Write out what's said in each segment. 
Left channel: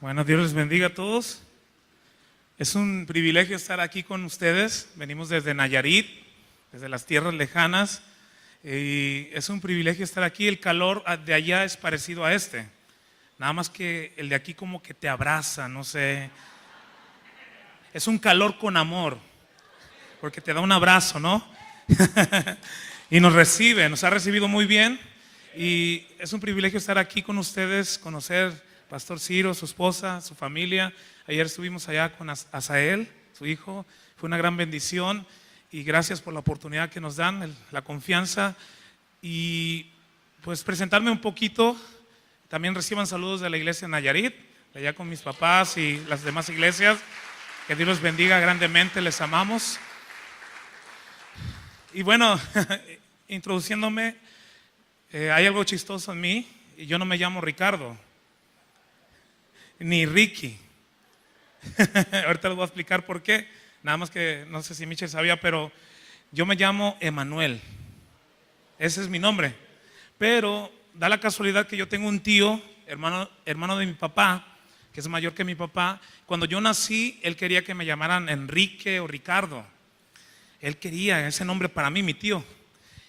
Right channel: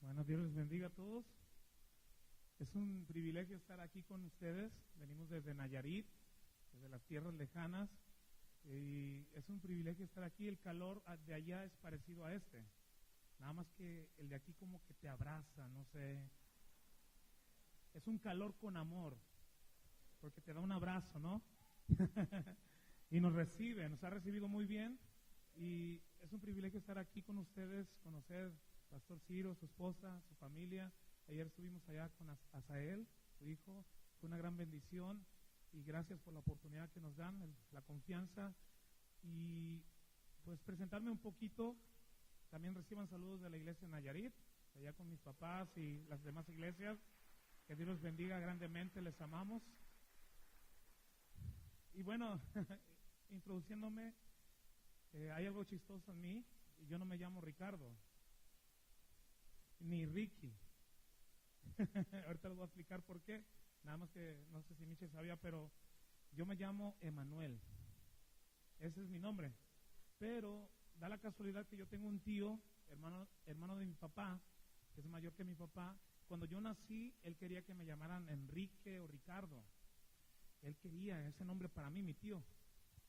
Bueno, Dios les bendiga a todos. Es un privilegio estar aquí con ustedes. Venimos desde Nayarit, desde las tierras lejanas, y es un privilegio estar aquí. El calor de allá es parecido a este, nada más que el de aquí como que te abraza, no sé. Es un calor con amor, porque te da un abrazo, ¿no? Y nos ha recibido muy bien, y es un privilegio estar aquí con ustedes, conocer Pastor Ciro, su esposa, su familia. Ayer estuvimos allá con Asael, su hijo. Fue una gran bendición y gracias por la oportunidad que nos dan, la confianza. Y pues presentarme un poquito. También reciban saludos de la iglesia de Nayarit, allá con mis papás y las demás iglesias. Que Dios los bendiga grandemente, les amamos. Y bueno, introduciéndome, hay algo chistoso en mí, y yo no me llamo Ricardo ni Ricky. Ahorita les voy a explicar por qué. Nada más que no sé si Michelle sabía, pero yo me llamo Emanuel. Ese es mi nombre. Pero da la casualidad que yo tengo un tío, hermano de mi papá, que es mayor que mi papá. Cuando yo nací, él quería que me llamaran Enrique o Ricardo. Él quería ese nombre para mí, mi tío.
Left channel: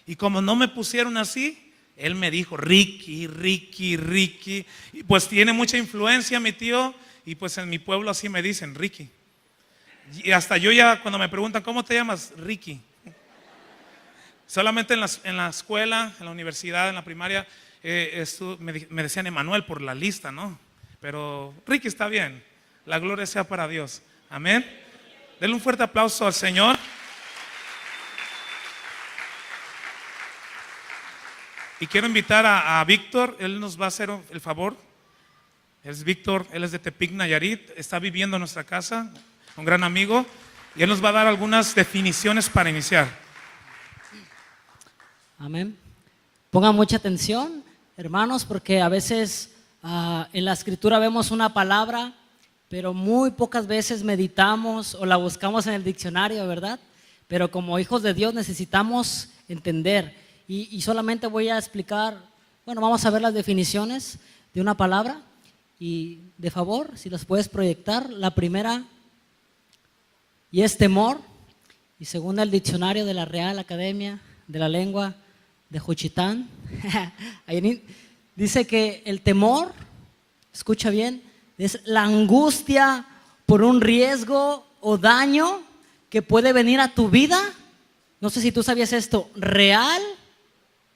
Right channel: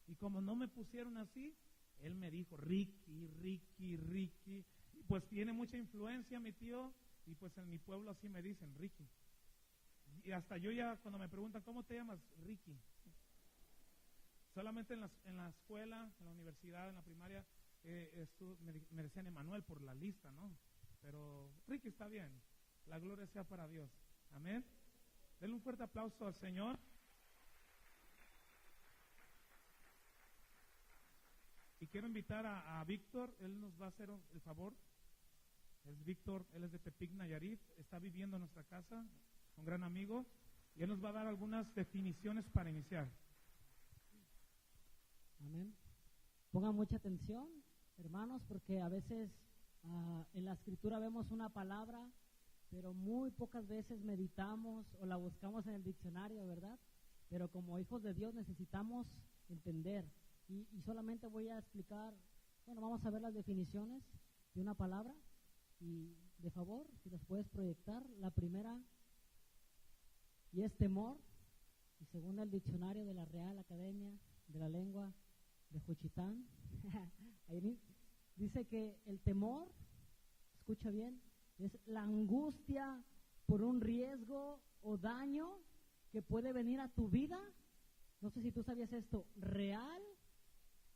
Y como no me pusieron así, él me dijo Ricky. Y pues tiene mucha influencia mi tío, y pues en mi pueblo así me dicen Ricky. Y hasta yo ya cuando me preguntan ¿cómo te llamas? Ricky. Solamente en la escuela, en la universidad, en la primaria, me decían Emanuel por la lista, ¿no? Pero Ricky está bien. La gloria sea para Dios. Amén. Denle un fuerte aplauso al Señor. Y quiero invitar a Víctor. Él nos va a hacer el favor. Es Víctor, él es de Tepic, Nayarit. Está viviendo en nuestra casa, un gran amigo. Y él nos va a dar algunas definiciones para iniciar. Amén. Pongan mucha atención, hermanos, porque a veces en la escritura vemos una palabra, pero muy pocas veces meditamos o la buscamos en el diccionario, ¿verdad? Pero como hijos de Dios necesitamos entender. Y solamente voy a explicar, bueno, vamos a ver las definiciones de una palabra. Y de favor, si las puedes proyectar, la primera, y es temor. Y segunda, el diccionario de la Real Academia de la Lengua de Juchitán. Ahí dice que el temor, escucha bien, es la angustia por un riesgo o daño que puede venir a tu vida. No sé si tú sabías esto, real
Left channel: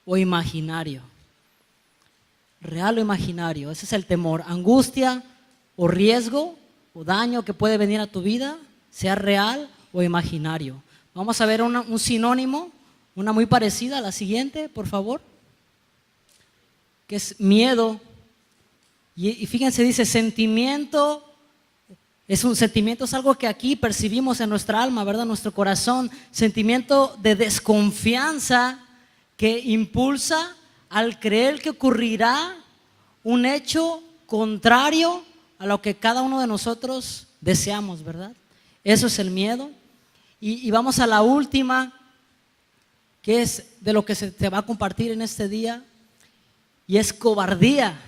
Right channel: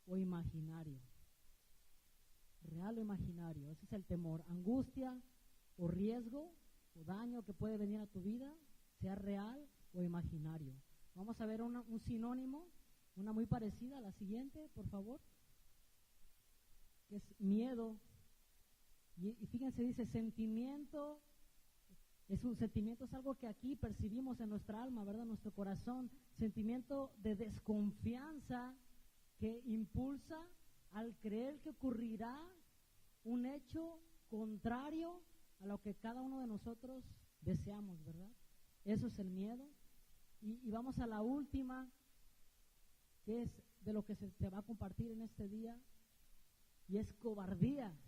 o imaginario. Real o imaginario, ese es el temor. Angustia o riesgo o daño que puede venir a tu vida, sea real o imaginario. Vamos a ver un sinónimo, una muy parecida a la siguiente, por favor, que es miedo. Y fíjense, dice sentimiento. Es un sentimiento, es algo que aquí percibimos en nuestra alma, ¿verdad? Nuestro corazón. Sentimiento de desconfianza que impulsa al creer que ocurrirá un hecho contrario a lo que cada uno de nosotros deseamos, ¿verdad? Eso es el miedo. Y vamos a la última, que es de lo que se te va a compartir en este día, y es cobardía.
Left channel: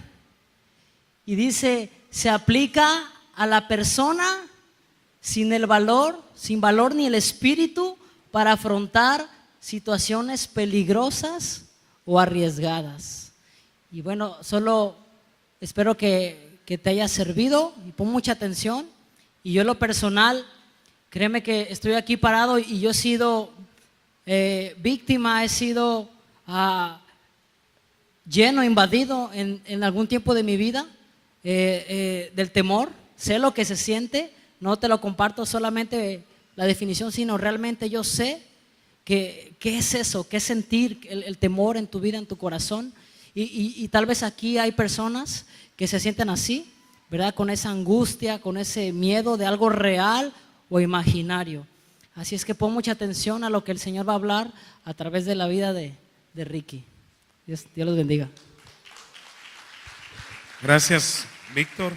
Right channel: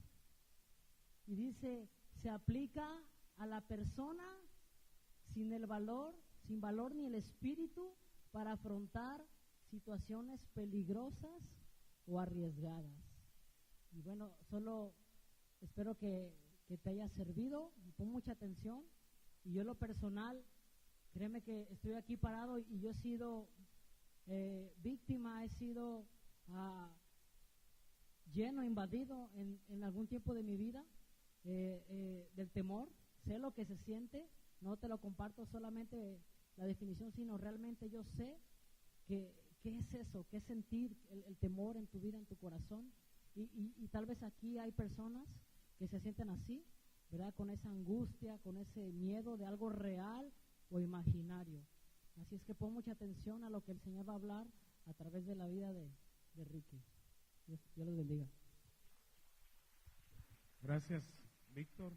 Y dice, se aplica a la persona sin valor ni el espíritu para afrontar situaciones peligrosas o arriesgadas. Y bueno, solo espero que te haya servido y pon mucha atención. Y yo en lo personal, créeme que estoy aquí parado y yo he sido víctima, he sido lleno, invadido en algún tiempo de mi vida del temor. Sé lo que se siente, no te lo comparto solamente la definición, sino realmente yo sé ¿qué es eso? ¿Qué es sentir el temor en tu vida, en tu corazón? Y tal vez aquí hay personas que se sienten así, ¿verdad? Con esa angustia, con ese miedo de algo real o imaginario. Así es que pon mucha atención a lo que el Señor va a hablar a través de la vida de Ricky. Dios los bendiga. Gracias, Víctor.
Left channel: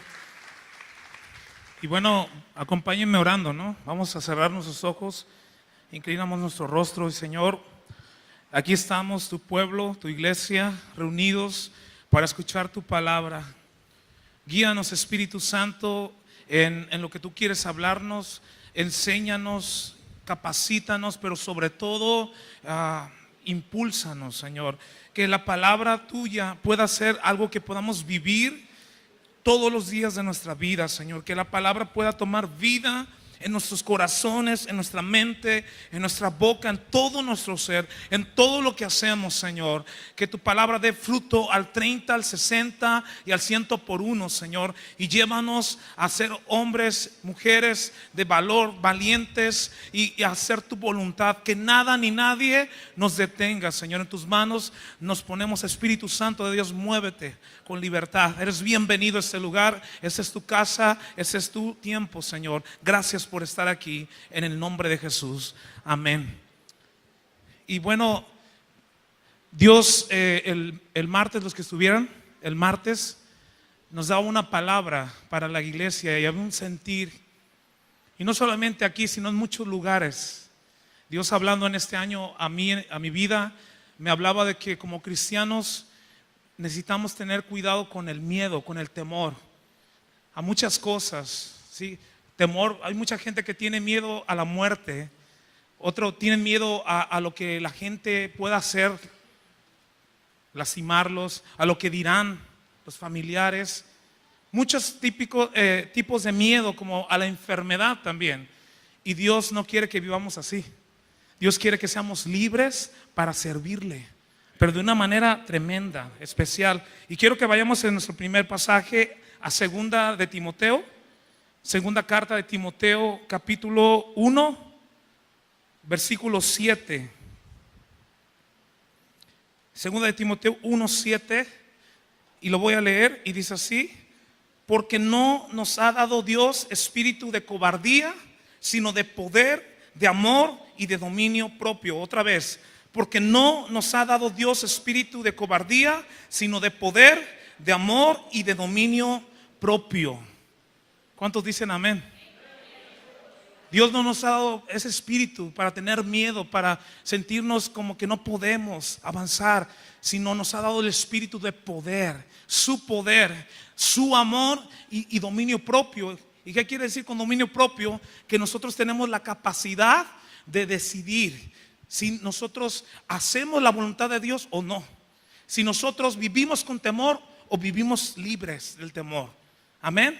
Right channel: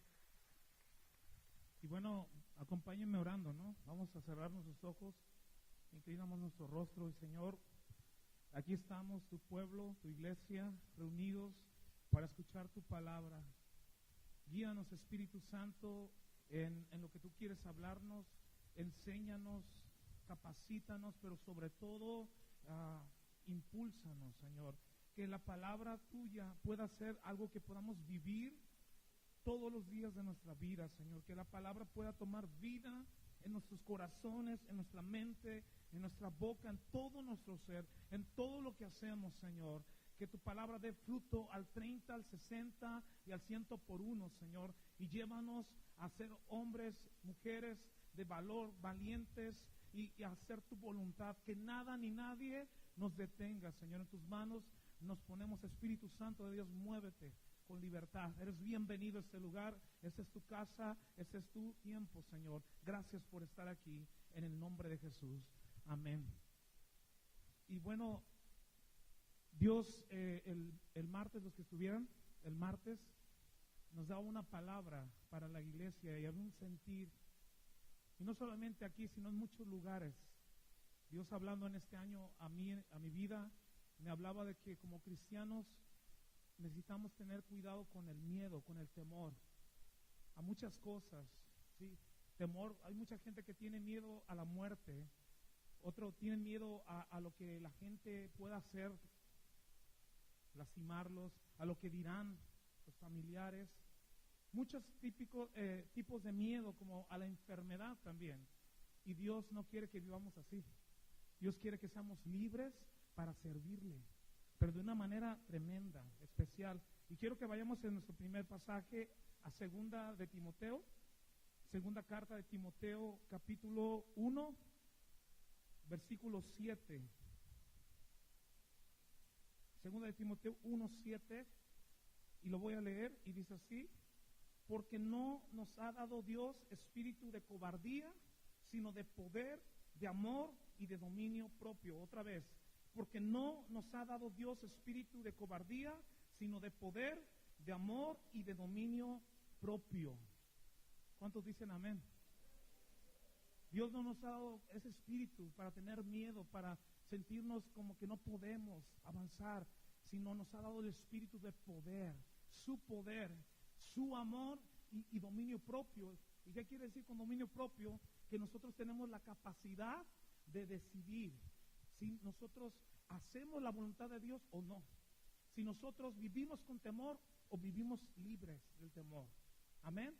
Y bueno, acompáñenme orando, ¿no? Vamos a cerrar nuestros ojos. Inclinamos nuestro rostro y Señor, aquí estamos, tu pueblo, tu iglesia, reunidos para escuchar tu palabra. Guíanos, Espíritu Santo, en lo que tú quieres hablarnos. Enséñanos, capacítanos, pero sobre todo impúlsanos, Señor. Que la palabra tuya pueda ser algo que podamos vivir todos los días de nuestra vida, Señor. Que la palabra pueda tomar vida en nuestros corazones, en nuestra mente, en nuestra boca, en todo nuestro ser, en todo lo que hacemos, Señor. Que tu palabra dé fruto al 30, al 60 y al 100 por uno, Señor. Y llévanos a ser hombres, mujeres de valor, valientes, y a hacer tu voluntad. Que nada ni nadie nos detenga, Señor. En tus manos nos ponemos, Espíritu Santo de Dios, muévete con libertad. Eres bienvenido a este lugar. Esa es tu casa, ese es tu tiempo, Señor. Gracias por estar aquí, en el nombre de Jesús. Amén. Y bueno, Dios el martes, los que estuvieron el martes, nos daba una palabra para la iglesia y había un sentir. Y no solamente aquí, sino en muchos lugares. Dios, hablando en este año a mi vida, me hablaba de que como cristianos necesitamos tener cuidado con el miedo, con el temor a muchas cosas, ¿sí? Temor, hay mucha gente que tiene miedo a la muerte, otro tiene miedo a lo que la gente pueda hacer, lastimarlos, a lo que dirán los familiares. Muchos tipos de miedo, como a la enfermedad también. Y Dios no quiere que vivamos así. Dios quiere que seamos libres para servirle, pero de una manera tremenda, especial. Y quiero que vayamos en nuestro primer pasaje a segunda de Timoteo, segunda carta de Timoteo, capítulo 1, versículo 7. Segunda de Timoteo 1, 7, y lo voy a leer, y dice así: porque no nos ha dado Dios espíritu de cobardía, sino de poder, de amor y de dominio propio. Otra vez: porque no nos ha dado Dios espíritu de cobardía, sino de poder, de amor y de dominio propio. ¿Cuántos dicen amén? Dios no nos ha dado ese espíritu para tener miedo, para sentirnos como que no podemos avanzar, sino nos ha dado el espíritu de poder, su amor y dominio propio. ¿Y qué quiere decir con dominio propio? Que nosotros tenemos la capacidad de decidir si nosotros hacemos la voluntad de Dios o no, si nosotros vivimos con temor o vivimos libres del temor. Amén.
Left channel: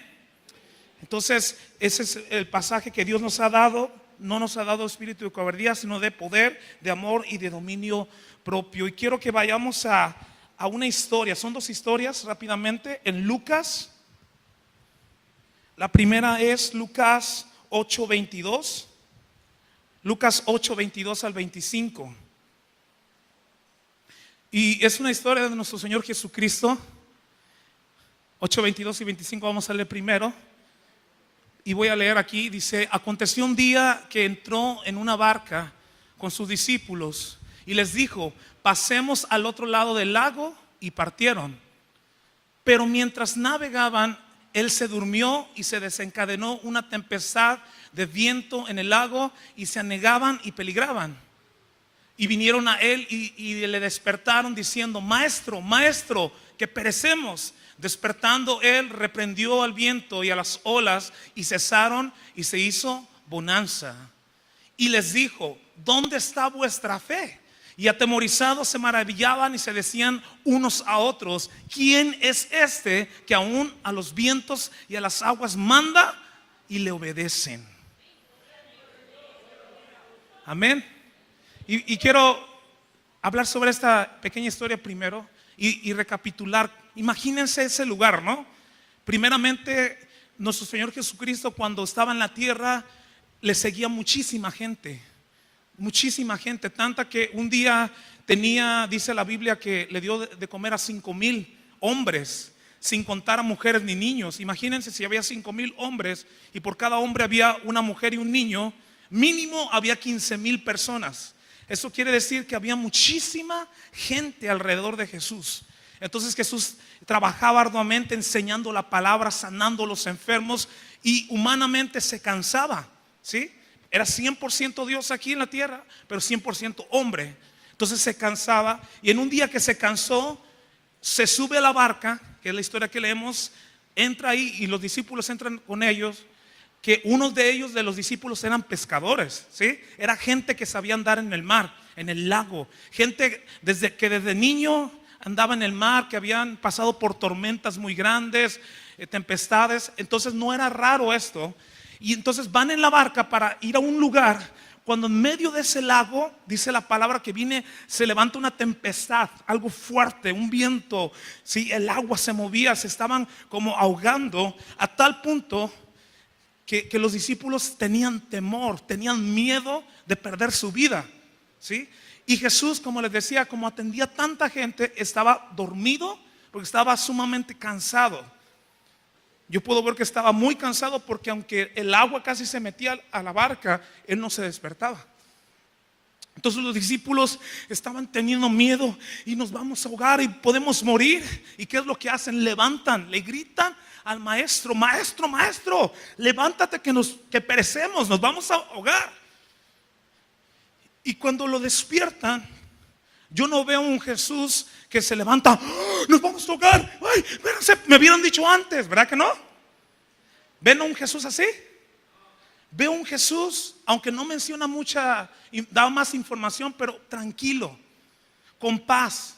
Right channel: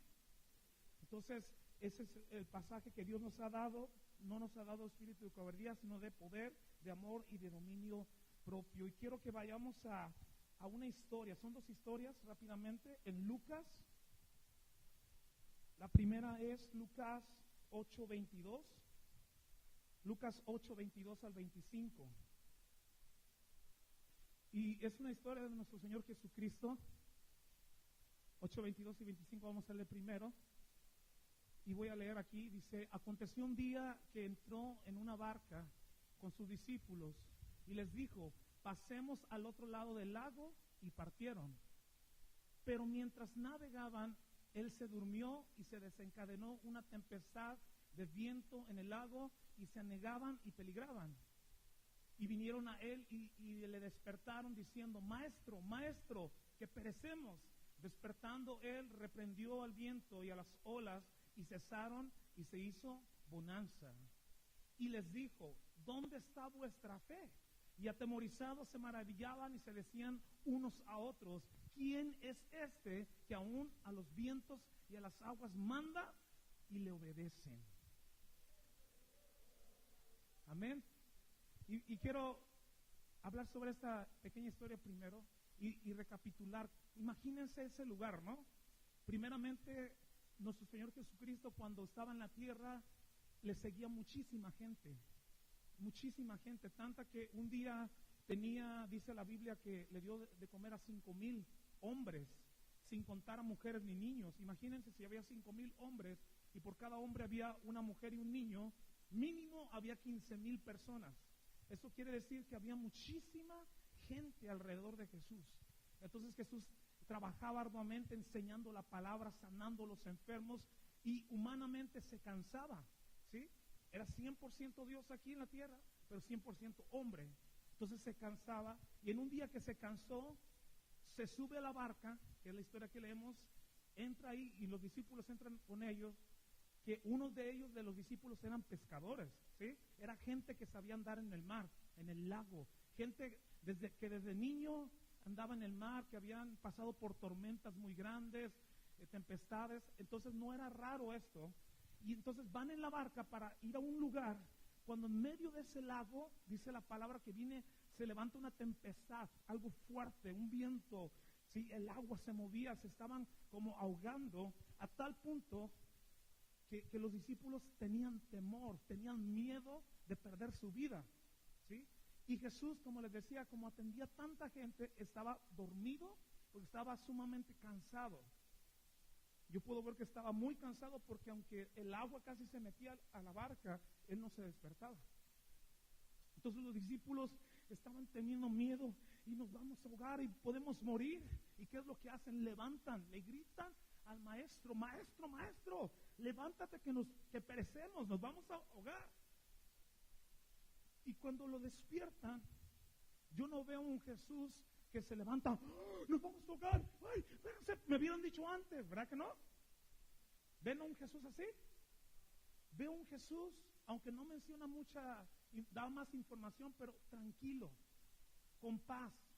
Entonces ese es el pasaje que Dios nos ha dado. No nos ha dado espíritu de cobardía, sino de poder, de amor y de dominio propio. Y quiero que vayamos a una historia. Son dos historias rápidamente en Lucas. La primera es Lucas 8:22. Lucas 8:22 al 25. Y es una historia de nuestro Señor Jesucristo. 8:22 y 25 vamos a leer primero. Y voy a leer aquí, dice: aconteció un día que entró en una barca con sus discípulos y les dijo: pasemos al otro lado del lago, y partieron. Pero mientras navegaban, él se durmió y se desencadenó una tempestad de viento en el lago, y se anegaban y peligraban. Y vinieron a él y le despertaron diciendo: maestro, maestro, que perecemos. Despertando él, reprendió al viento y a las olas, y cesaron, y se hizo bonanza. Y les dijo: ¿dónde está vuestra fe? Y atemorizados se maravillaban y se decían unos a otros: ¿quién es este que aún a los vientos y a las aguas manda y le obedecen? Amén. Y quiero hablar sobre esta pequeña historia primero y recapitular. Imagínense ese lugar, ¿no? Primeramente, nuestro Señor Jesucristo, cuando estaba en la tierra, le seguía muchísima gente, tanta que un día tenía, dice la Biblia, que le dio de comer a 5,000 hombres, sin contar a mujeres ni niños. Imagínense si había 5,000 hombres y por cada hombre había una mujer y un niño, mínimo había 15,000 personas. Eso quiere decir que había muchísima gente alrededor de Jesús. Entonces Jesús trabajaba arduamente enseñando la palabra, sanando a los enfermos, y humanamente se cansaba, ¿sí? Era 100% Dios aquí en la tierra, pero 100% hombre. Entonces se cansaba, y en un día que se cansó, se sube a la barca, que es la historia que leemos, entra ahí y los discípulos entran con ellos, que unos de ellos, de los discípulos, eran pescadores, ¿sí? Era gente que sabía andar en el mar, en el lago, gente desde niño andaba en el mar, que habían pasado por tormentas muy grandes, tempestades. Entonces no era raro esto. Y entonces van en la barca para ir a un lugar. Cuando en medio de ese lago, dice la palabra que se levanta una tempestad, algo fuerte, un viento, ¿sí? El agua se movía, se estaban como ahogando, a tal punto que los discípulos tenían temor, tenían miedo de perder su vida, ¿sí? Y Jesús, como les decía, como atendía a tanta gente, estaba dormido porque estaba sumamente cansado. Yo puedo ver que estaba muy cansado, porque aunque el agua casi se metía a la barca, él no se despertaba. Entonces los discípulos estaban teniendo miedo, y nos vamos a ahogar y podemos morir. ¿Y qué es lo que hacen? Levantan, le gritan al maestro: maestro, maestro, levántate que perecemos, nos vamos a ahogar. Y cuando lo despiertan, yo no veo un Jesús que se levanta: ¡oh, nos vamos a ahogar! ¡Ay, espérense! Me hubieran dicho antes, ¿verdad que no? ¿Ven a un Jesús así? Veo un Jesús, aunque no menciona mucha, da más información, pero tranquilo, con paz.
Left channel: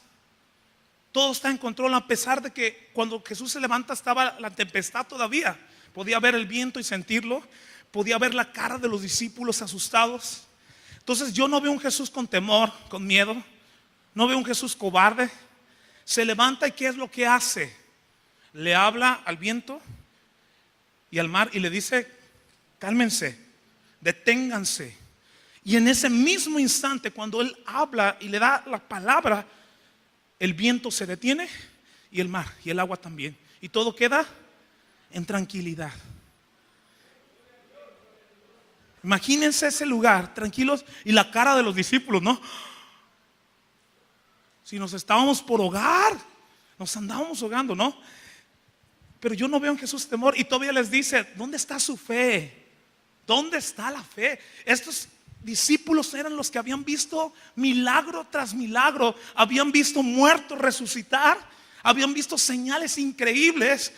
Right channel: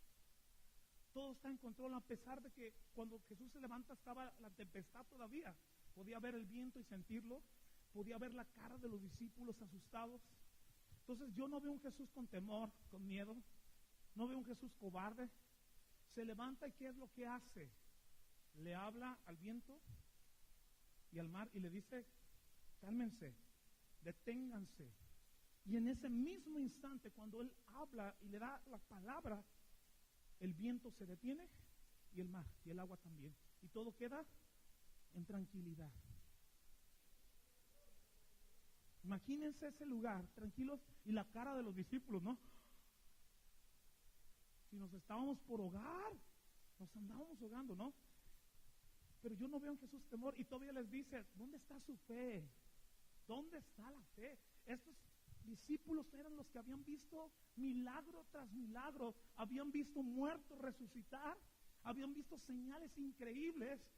Todo está en control, a pesar de que cuando Jesús se levanta estaba la tempestad todavía. Podía ver el viento y sentirlo. Podía ver la cara de los discípulos asustados. Entonces yo no veo un Jesús con temor, con miedo. No veo un Jesús cobarde. Se levanta, y ¿qué es lo que hace? Le habla al viento y al mar y le dice: cálmense, deténganse. Y en ese mismo instante, cuando él habla y le da la palabra, el viento se detiene, y el mar y el agua también, y todo queda en tranquilidad. Imagínense ese lugar, tranquilos, y la cara de los discípulos, ¿no? Si nos estábamos por ahogar, nos andábamos ahogando, ¿no? Pero yo no veo en Jesús temor, y todavía les dice: ¿dónde está su fe? ¿Dónde está la fe? Estos discípulos eran los que habían visto milagro tras milagro, habían visto muertos resucitar, habían visto señales increíbles,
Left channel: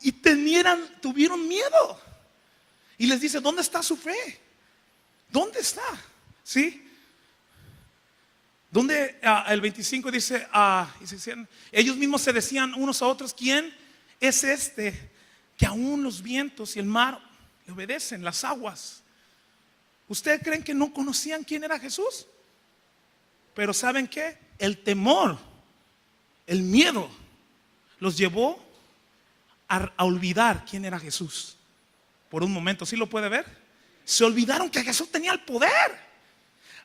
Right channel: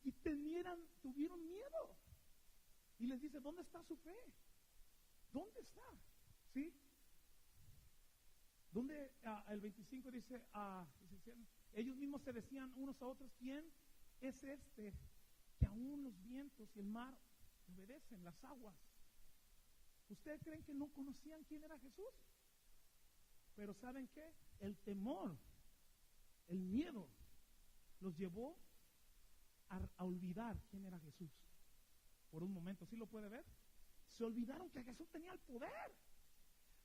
y tuvieron miedo. Y les dice: ¿dónde está su fe? ¿Dónde está? ¿Sí? Donde el 25 dice, ellos mismos se decían unos a otros: ¿quién es este que aún los vientos y el mar le obedecen, las aguas? ¿Ustedes creen que no conocían quién era Jesús? Pero ¿saben qué? El temor, el miedo los llevó a olvidar quién era Jesús. Por un momento, ¿sí lo puede ver? Se olvidaron que Jesús tenía el poder.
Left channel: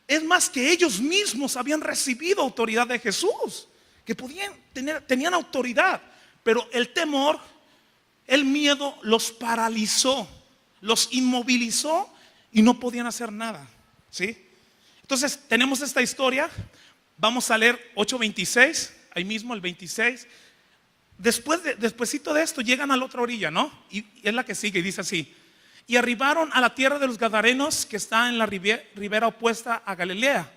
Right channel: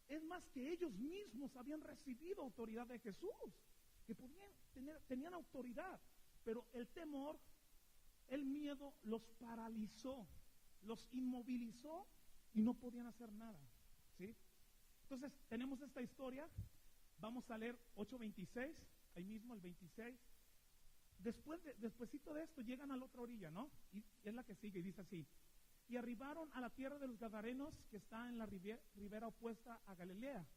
Es más, que ellos mismos habían recibido autoridad de Jesús, que tenían autoridad. Pero el temor, el miedo los paralizó, los inmovilizó, y no podían hacer nada, ¿sí? Entonces tenemos esta historia. Vamos a leer 8:26, ahí mismo el 26. Despuésito de esto llegan a la otra orilla, ¿no? Y es la que sigue, y dice así: y arribaron a la tierra de los Gadarenos, que está en la ribera opuesta a Galilea.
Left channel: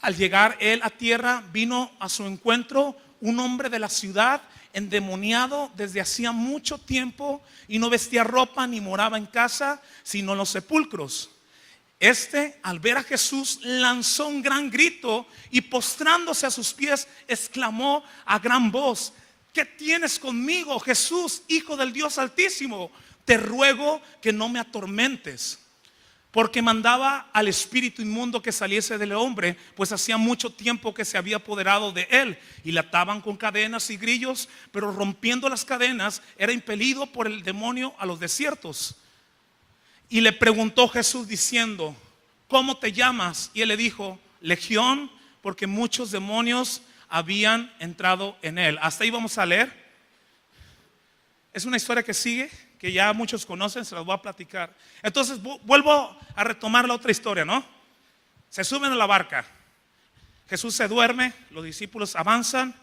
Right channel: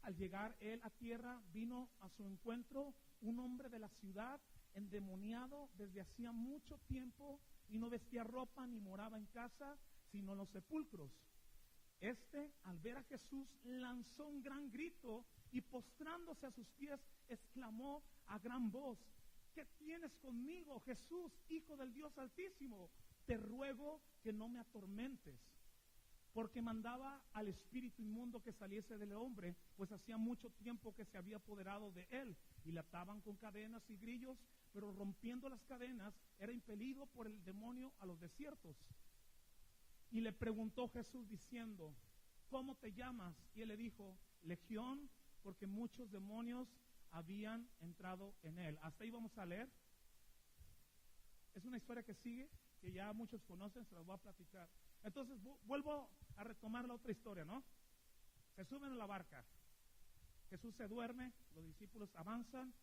Al llegar él a tierra, vino a su encuentro un hombre de la ciudad, endemoniado desde hacía mucho tiempo, y no vestía ropa ni moraba en casa, sino en los sepulcros. Este, al ver a Jesús, lanzó un gran grito, y postrándose a sus pies, exclamó a gran voz: ¿qué tienes conmigo, Jesús, Hijo del Dios Altísimo? Te ruego que no me atormentes. Porque mandaba al espíritu inmundo que saliese del hombre, pues hacía mucho tiempo que se había apoderado de él, y le ataban con cadenas y grillos, pero rompiendo las cadenas era impelido por el demonio a los desiertos. Y le preguntó Jesús diciendo: ¿cómo te llamas? Y él le dijo: Legión, porque muchos demonios habían entrado en él. Hasta ahí vamos a leer. Es una historia que sigue, que ya muchos conocen, se las voy a platicar. Entonces vuelvo a retomar la otra historia, ¿no? Se suben a la barca, Jesús se duerme, los discípulos avanzan,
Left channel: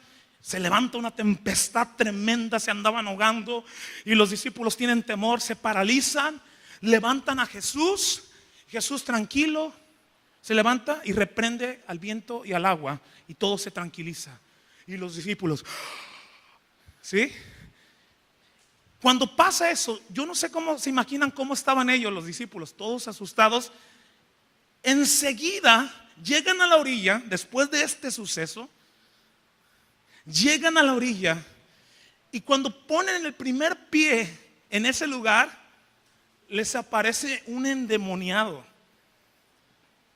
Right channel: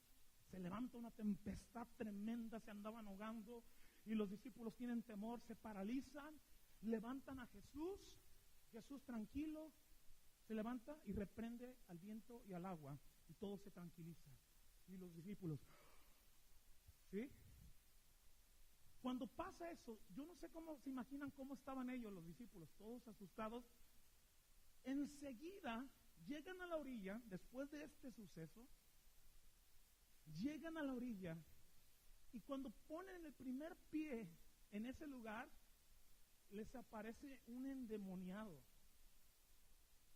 se levanta una tempestad tremenda, se andaban ahogando, y los discípulos tienen temor, se paralizan, levantan a Jesús. Jesús, tranquilo, se levanta y reprende al viento y al agua, y todo se tranquiliza. Y los discípulos, ¿sí? Cuando pasa eso, yo no sé cómo se imaginan cómo estaban ellos, los discípulos, todos asustados. Enseguida llegan a la orilla, después de este suceso, llegan a la orilla y cuando ponen el primer pie en ese lugar, les aparece un endemoniado.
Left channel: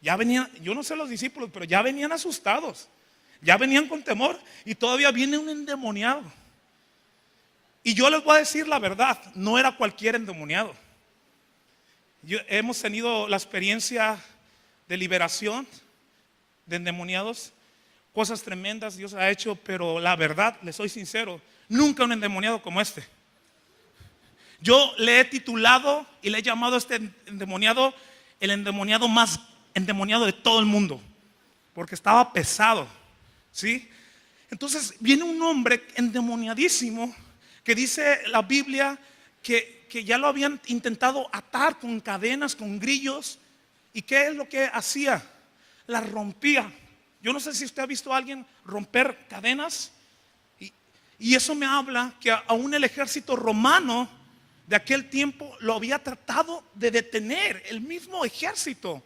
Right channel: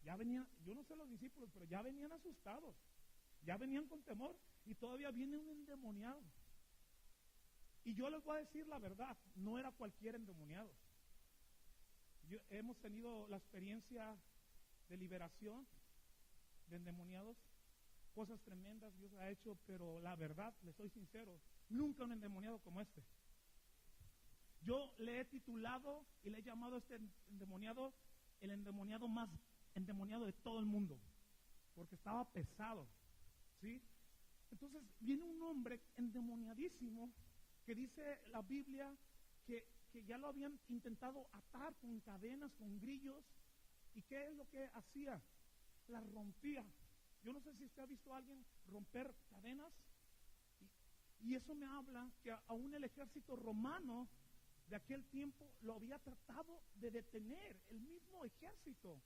Ya venían, yo no sé los discípulos, pero ya venían asustados, ya venían con temor y todavía viene un endemoniado. Y yo les voy a decir la verdad, no era cualquier endemoniado. Hemos tenido la experiencia de liberación de endemoniados, cosas tremendas Dios ha hecho, pero la verdad, les soy sincero, nunca un endemoniado como este. Yo le he titulado y le he llamado a este endemoniado el endemoniado más endemoniado de todo el mundo, porque estaba pesado, ¿sí? Entonces viene un hombre endemoniadísimo que dice la Biblia que ya lo habían intentado atar con cadenas, con grillos. ¿Y qué es lo que hacía? Las rompía. Yo no sé si usted ha visto a alguien romper cadenas. Y eso me habla que aún el ejército romano de aquel tiempo lo había tratado de detener, el mismo ejército.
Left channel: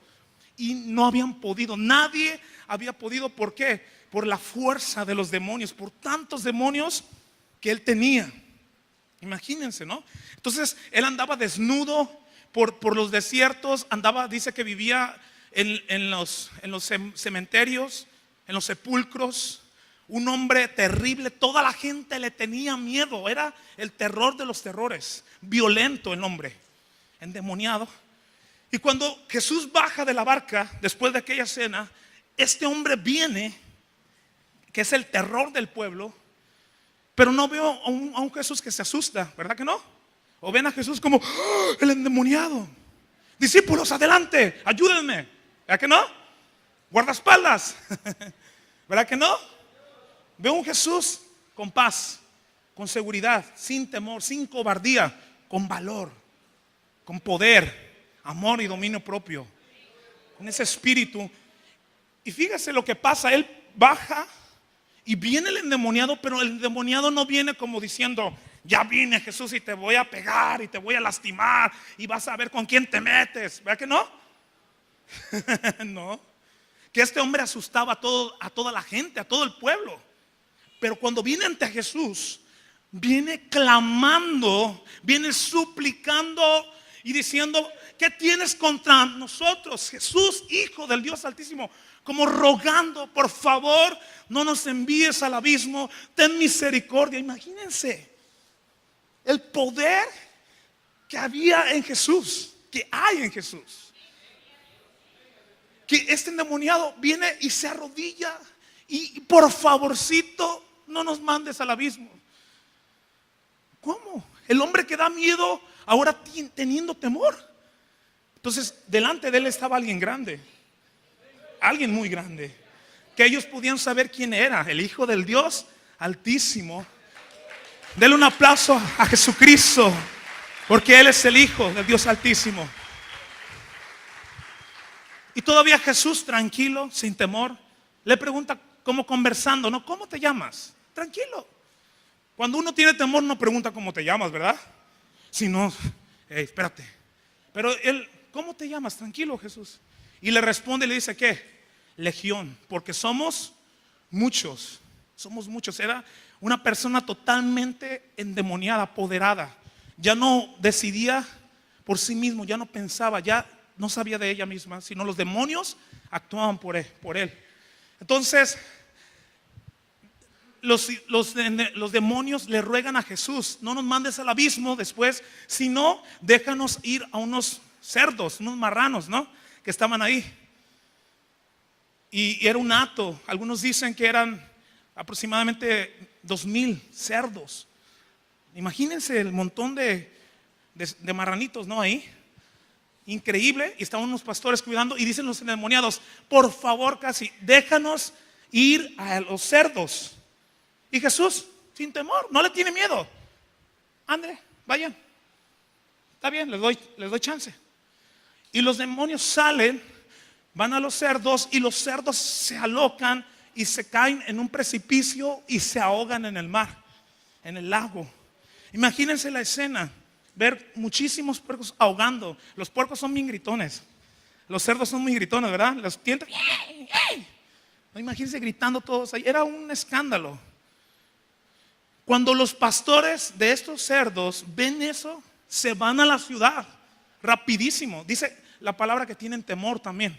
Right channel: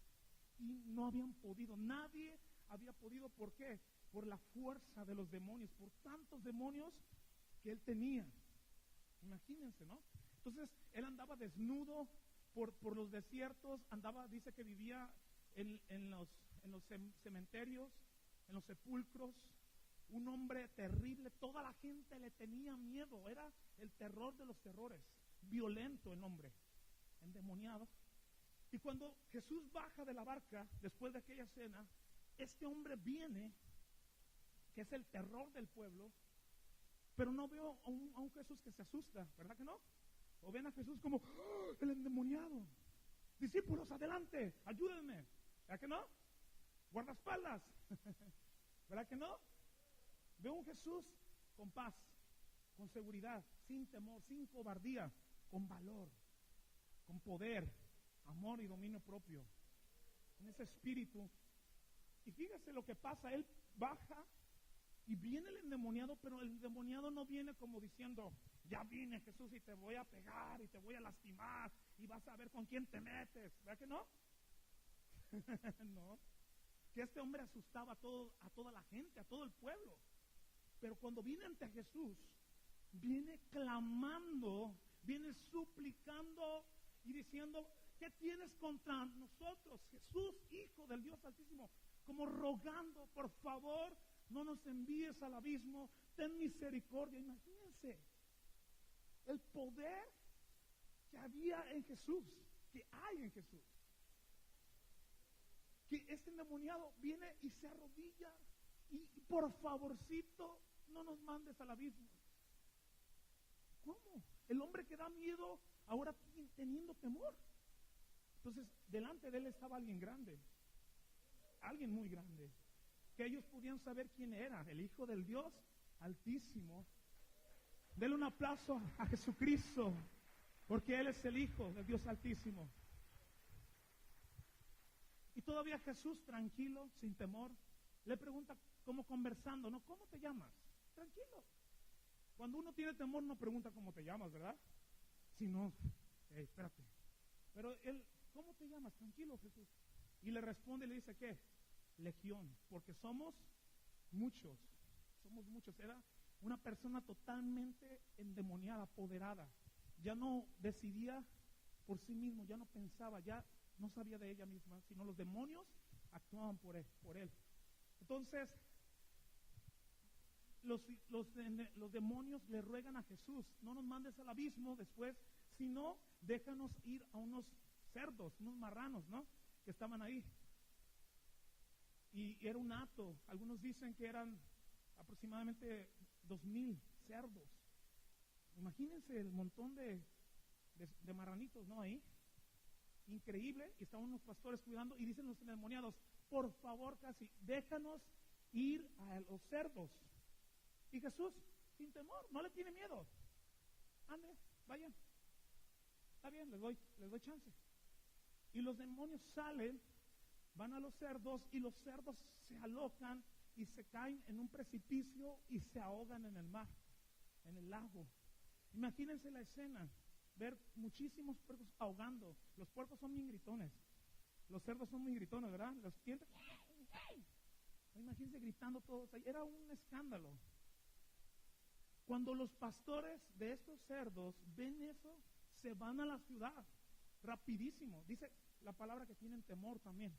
Y no habían podido, nadie había podido. ¿Por qué? Por la fuerza de los demonios, por tantos demonios que él tenía. Imagínense, ¿no? Entonces él andaba desnudo por los desiertos, andaba, dice que vivía en los cementerios, en los sepulcros. Un hombre terrible, toda la gente le tenía miedo, era el terror de los terrores, violento el hombre, endemoniado. Y cuando Jesús baja de la barca, después de aquella cena, este hombre viene, que es el terror del pueblo. Pero no veo a un Jesús que se asusta, ¿verdad que no? O ven a Jesús como ¡oh, el endemoniado! Discípulos, adelante, ayúdenme. ¿Verdad que no? Guardaespaldas. ¿Verdad que no? Veo un Jesús con paz, con seguridad, sin temor, sin cobardía, con valor, con poder, amor y dominio propio, con ese espíritu. Y fíjese lo que pasa, él baja y viene el endemoniado, pero el endemoniado no viene como diciendo, ya vine Jesús y te voy a pegar y te voy a lastimar y vas a ver con quién te metes. ¿Verdad que no? No. Que este hombre asustaba a toda la gente, a todo el pueblo. Pero cuando viene ante Jesús, viene clamando, viene suplicando y diciendo, ¿qué tienes contra nosotros, Jesús, Hijo del Dios Altísimo? Como rogando, por favor, no nos envíes al abismo, ten misericordia. Imagínense el poder que había en Jesús, que hay en Jesús. Que este endemoniado viene y se arrodilla y por favorcito, no nos mandes al abismo. ¿Cómo? El hombre que da miedo ahora teniendo temor. Entonces, delante de él estaba alguien grande. Alguien muy grande, que ellos podían saber quién era, el Hijo del Dios Altísimo. Denle un aplauso a Jesucristo, porque Él es el Hijo del Dios Altísimo. Y todavía Jesús, tranquilo, sin temor, le pregunta, como conversando, ¿no? ¿Cómo te llamas? Tranquilo. Cuando uno tiene temor no pregunta cómo te llamas, ¿verdad? Sino, espérate. Pero él, ¿cómo te llamas? Tranquilo, Jesús. Y le responde y le dice, ¿qué? Legión, porque somos muchos. Somos muchos. Era una persona totalmente endemoniada, apoderada. Ya no decidía por sí mismo, ya no pensaba, ya no sabía de ella misma, sino los demonios actuaban por él. Entonces, los demonios le ruegan a Jesús, no nos mandes al abismo después, sino déjanos ir a unos cerdos, unos marranos, ¿no? Que estaban ahí. Y era un hato. Algunos dicen que eran aproximadamente 2,000 cerdos. Imagínense el montón de marranitos, ¿no? Ahí. Increíble. Y estaban unos pastores cuidando. Y dicen los endemoniados, por favor, casi, déjanos ir a los cerdos. Y Jesús, sin temor, no le tiene miedo. Ande, vayan. Está bien, les doy chance. Y los demonios salen, van a los cerdos y los cerdos se alocan y se caen en un precipicio y se ahogan en el mar, en el lago. Imagínense la escena, ver muchísimos puercos ahogando. Los puercos son bien gritones. Los cerdos son muy gritones, ¿verdad? Los tientos. No, imagínense gritando todos ahí. Era un escándalo. Cuando los pastores de estos cerdos ven eso, se van a la ciudad rapidísimo. Dice la palabra que tienen temor también.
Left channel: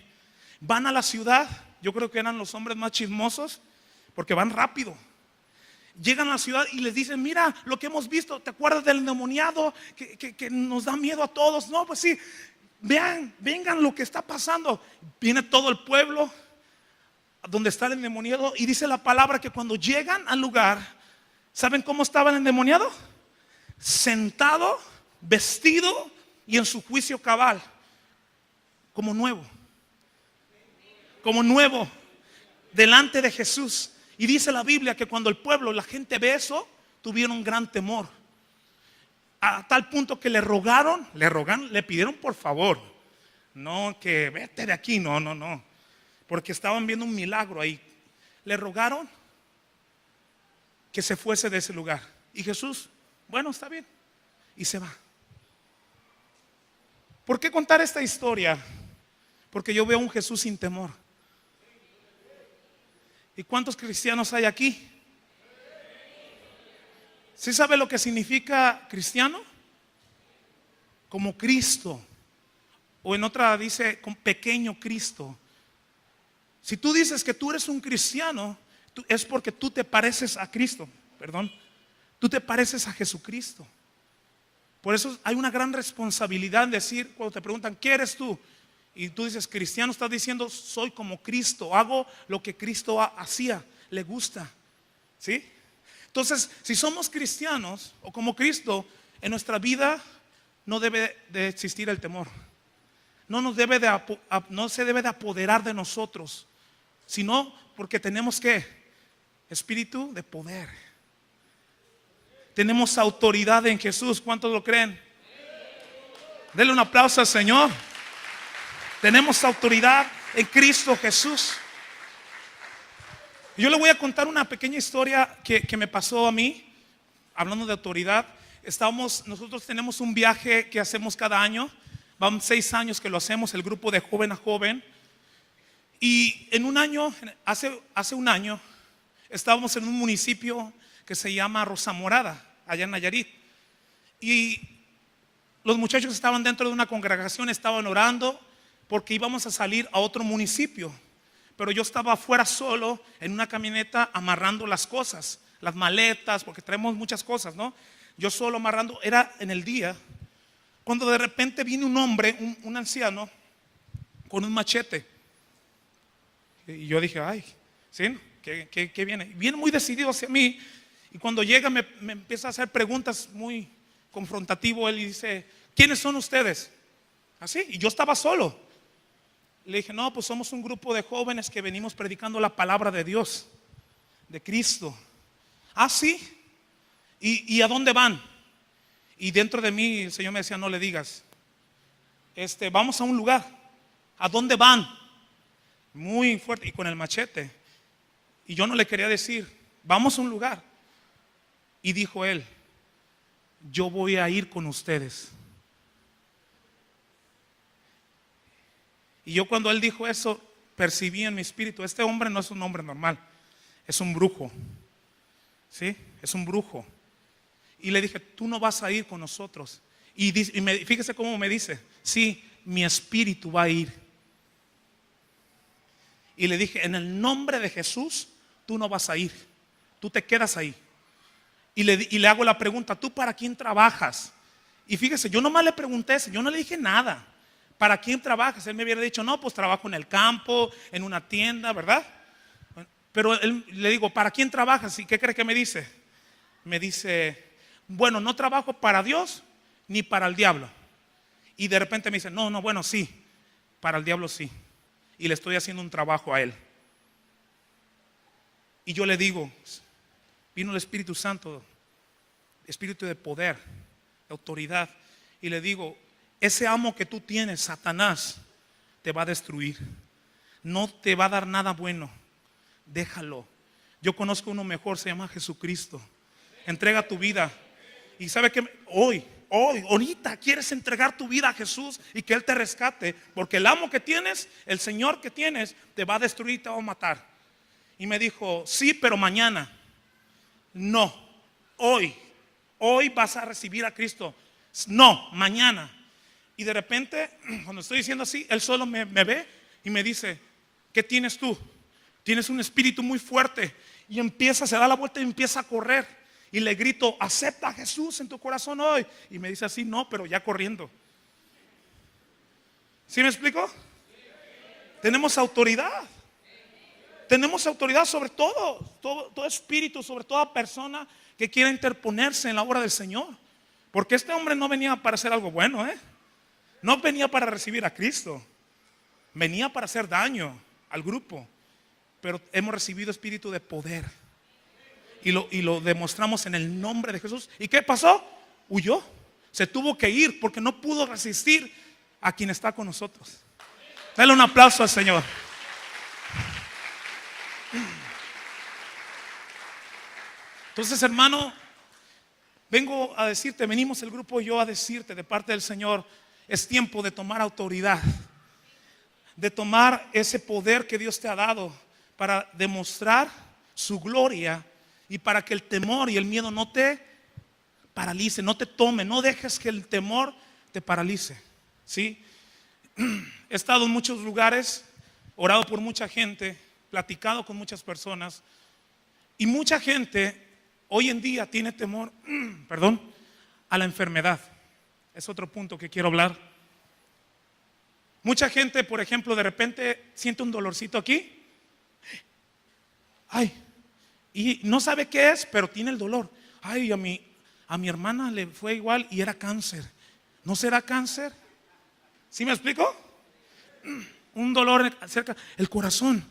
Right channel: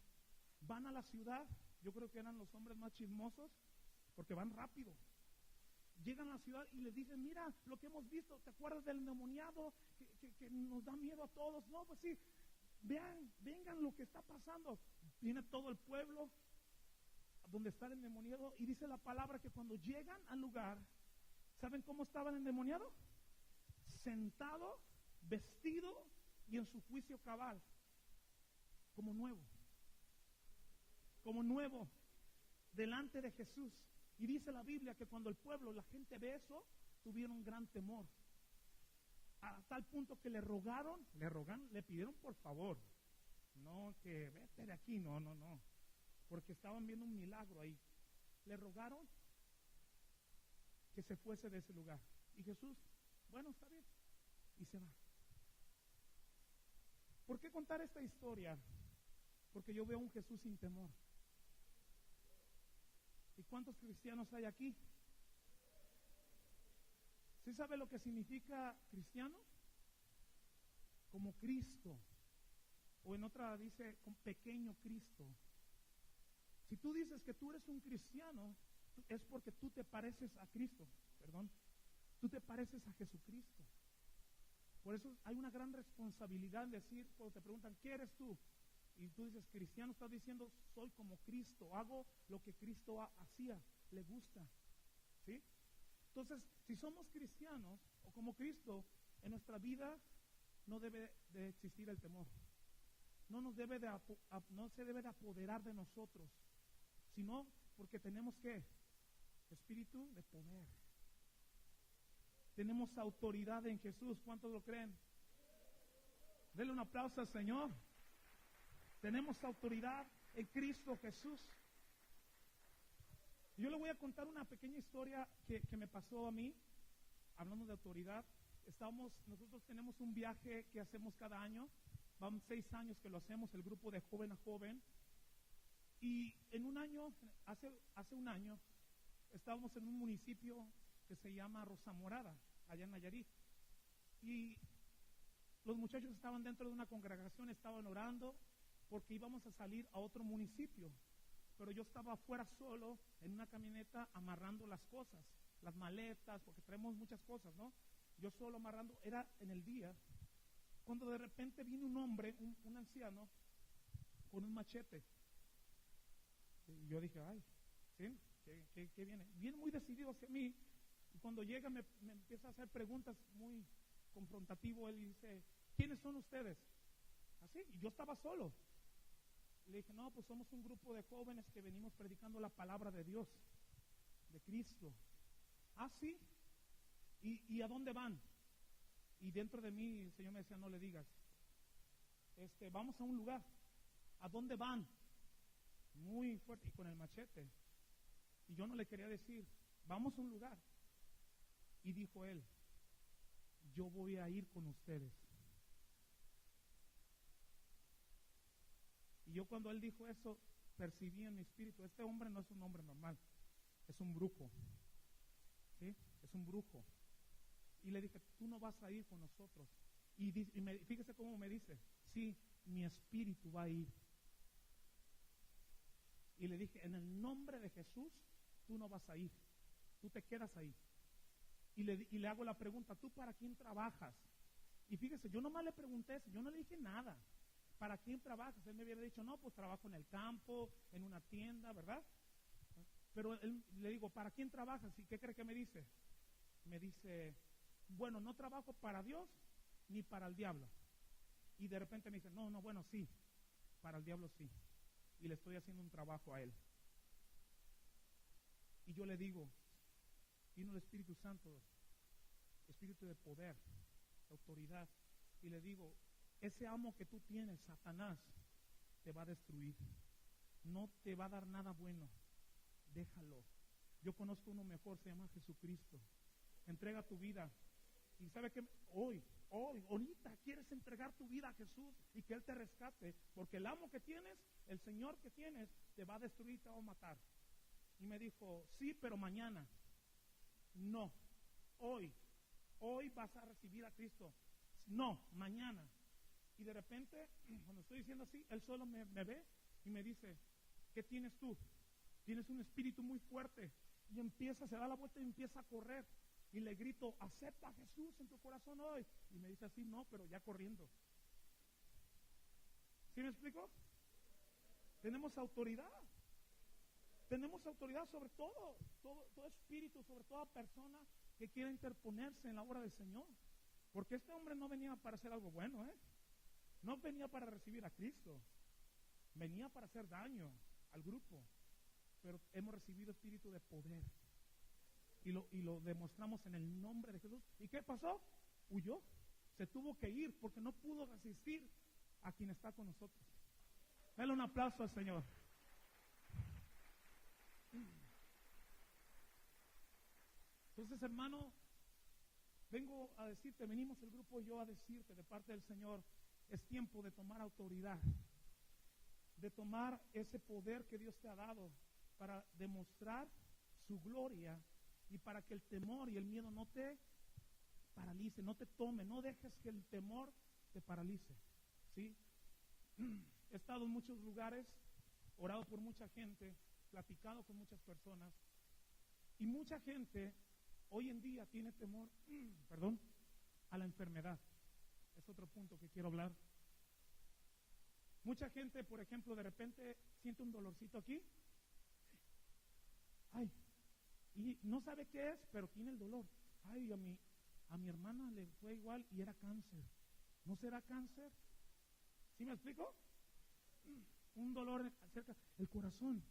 Van a la ciudad. Yo creo que eran los hombres más chismosos porque van rápido. Llegan a la ciudad y les dicen: mira lo que hemos visto. ¿Te acuerdas del endemoniado que nos da miedo a todos? No, pues sí. Vean, vengan lo que está pasando. Viene todo el pueblo donde está el endemoniado, y dice la palabra que cuando llegan al lugar, ¿saben cómo estaba el endemoniado? Sentado, vestido y en su juicio cabal, como nuevo, delante de Jesús. Y dice la Biblia que cuando el pueblo, la gente ve eso, tuvieron gran temor, a tal punto que le pidieron por favor, no que vete de aquí, no, porque estaban viendo un milagro ahí. Le rogaron que se fuese de ese lugar, y Jesús, bueno, está bien, y se va. ¿Por qué contar esta historia? Porque yo veo un Jesús sin temor. ¿Y cuántos cristianos hay aquí? ¿Sí sabe lo que significa cristiano? Como Cristo. O en otra dice con pequeño Cristo. Si tú dices que tú eres un cristiano, es porque tú te pareces a Cristo. Tú te pareces a Jesucristo. Por eso hay una gran responsabilidad en decir, cuando te preguntan ¿qué eres tú? Y tú dices cristiano, estás diciendo soy como Cristo, hago lo que Cristo hacía, le gusta. ¿Sí? Entonces, si somos cristianos o como Cristo, en nuestra vida no debe de existir el temor. No se debe de apoderar de nosotros, sino porque tenemos ¿qué? Espíritu de poder. Tenemos autoridad en Jesús. ¿Cuántos lo creen? Denle un aplauso al Señor. Tenemos autoridad en Cristo Jesús. Yo le voy a contar una pequeña historia que me pasó a mí, hablando de autoridad. Nosotros tenemos un viaje que hacemos cada año. Van 6 años que lo hacemos, el grupo de joven a joven. Y en un año, hace un año, estábamos en un municipio que se llama Rosa Morada, allá en Nayarit. Y los muchachos estaban dentro de una congregación, estaban orando porque íbamos a salir a otro municipio. Pero yo estaba afuera solo en una camioneta amarrando las cosas, las maletas, porque traemos muchas cosas, ¿no? Yo solo amarrando, era en el día, cuando de repente viene un hombre, un anciano, con un machete. Y yo dije, ay, ¿sí? ¿Qué viene? Viene muy decidido hacia mí. Y cuando llega me empieza a hacer preguntas muy confrontativo. Él dice, ¿quiénes son ustedes? Así, y yo estaba solo. Le dije, no, pues somos un grupo de jóvenes que venimos predicando la palabra de Dios, de Cristo. Ah, sí. ¿Y a dónde van? Y dentro de mí el Señor me decía, no le digas. Vamos a un lugar. ¿A dónde van? Muy fuerte y con el machete. Y yo no le quería decir, vamos a un lugar. Y dijo él, yo voy a ir con ustedes. Y yo cuando él dijo eso, percibí en mi espíritu, este hombre no es un hombre normal, es un brujo. ¿Sí? Es un brujo. Y le dije, tú no vas a ir con nosotros. Fíjese cómo me dice, sí, mi espíritu va a ir. Y le dije, en el nombre de Jesús, tú no vas a ir, tú te quedas ahí. Y le hago la pregunta, ¿tú para quién trabajas? Y fíjese, yo nomás le pregunté eso, yo no le dije nada. ¿Para quién trabajas? Él me hubiera dicho, no, pues trabajo en el campo, en una tienda, ¿verdad? Pero le digo, ¿para quién trabajas? ¿Y qué cree que me dice? Me dice, bueno, no trabajo para Dios ni para el diablo. Y de repente me dice, no, bueno, sí, para el diablo sí. Y le estoy haciendo un trabajo a él. Y yo le digo, vino el Espíritu Santo, espíritu de poder, de autoridad. Y le digo, ese amo que tú tienes, Satanás, te va a destruir. No te va a dar nada bueno. Déjalo. Yo conozco uno mejor, se llama Jesucristo. Entrega tu vida. Y sabe que hoy, ahorita quieres entregar tu vida a Jesús y que Él te rescate, porque el amo que tienes, el Señor que tienes, te va a destruir, te va a matar. Y me dijo, sí, pero mañana. No, hoy vas a recibir a Cristo. No, mañana. Y de repente, cuando estoy diciendo así, Él solo me ve y me dice, ¿qué tienes tú? Tienes un espíritu muy fuerte. Y se da la vuelta y empieza a correr. Y le grito, acepta a Jesús en tu corazón hoy. Y me dice así, no, pero ya corriendo. ¿Sí me explico? Tenemos autoridad. Tenemos autoridad sobre todo espíritu, sobre toda persona que quiera interponerse en la obra del Señor. Porque este hombre no venía para hacer algo bueno, no venía para recibir a Cristo. Venía para hacer daño al grupo. Pero hemos recibido espíritu de poder. Y lo demostramos en el nombre de Jesús. ¿Y qué pasó? Huyó. Se tuvo que ir porque no pudo resistir a quien está con nosotros. Dale un aplauso al Señor. Entonces, hermano, venimos el grupo y yo a decirte de parte del Señor, es tiempo de tomar autoridad, de tomar ese poder que Dios te ha dado para demostrar su gloria y para que el temor y el miedo no te paralice, no te tome, no dejes que el temor te paralice. ¿Sí? He estado en muchos lugares, orado por mucha gente, platicado con muchas personas, y mucha gente hoy en día tiene temor, a la enfermedad. Es otro punto que quiero hablar. Mucha gente, por ejemplo, de repente siente un dolorcito aquí. Ay, y no sabe qué es, pero tiene el dolor. Ay, a mi hermana le fue igual y era cáncer. ¿No será cáncer? ¿Sí me explico? Un dolor cerca, el corazón.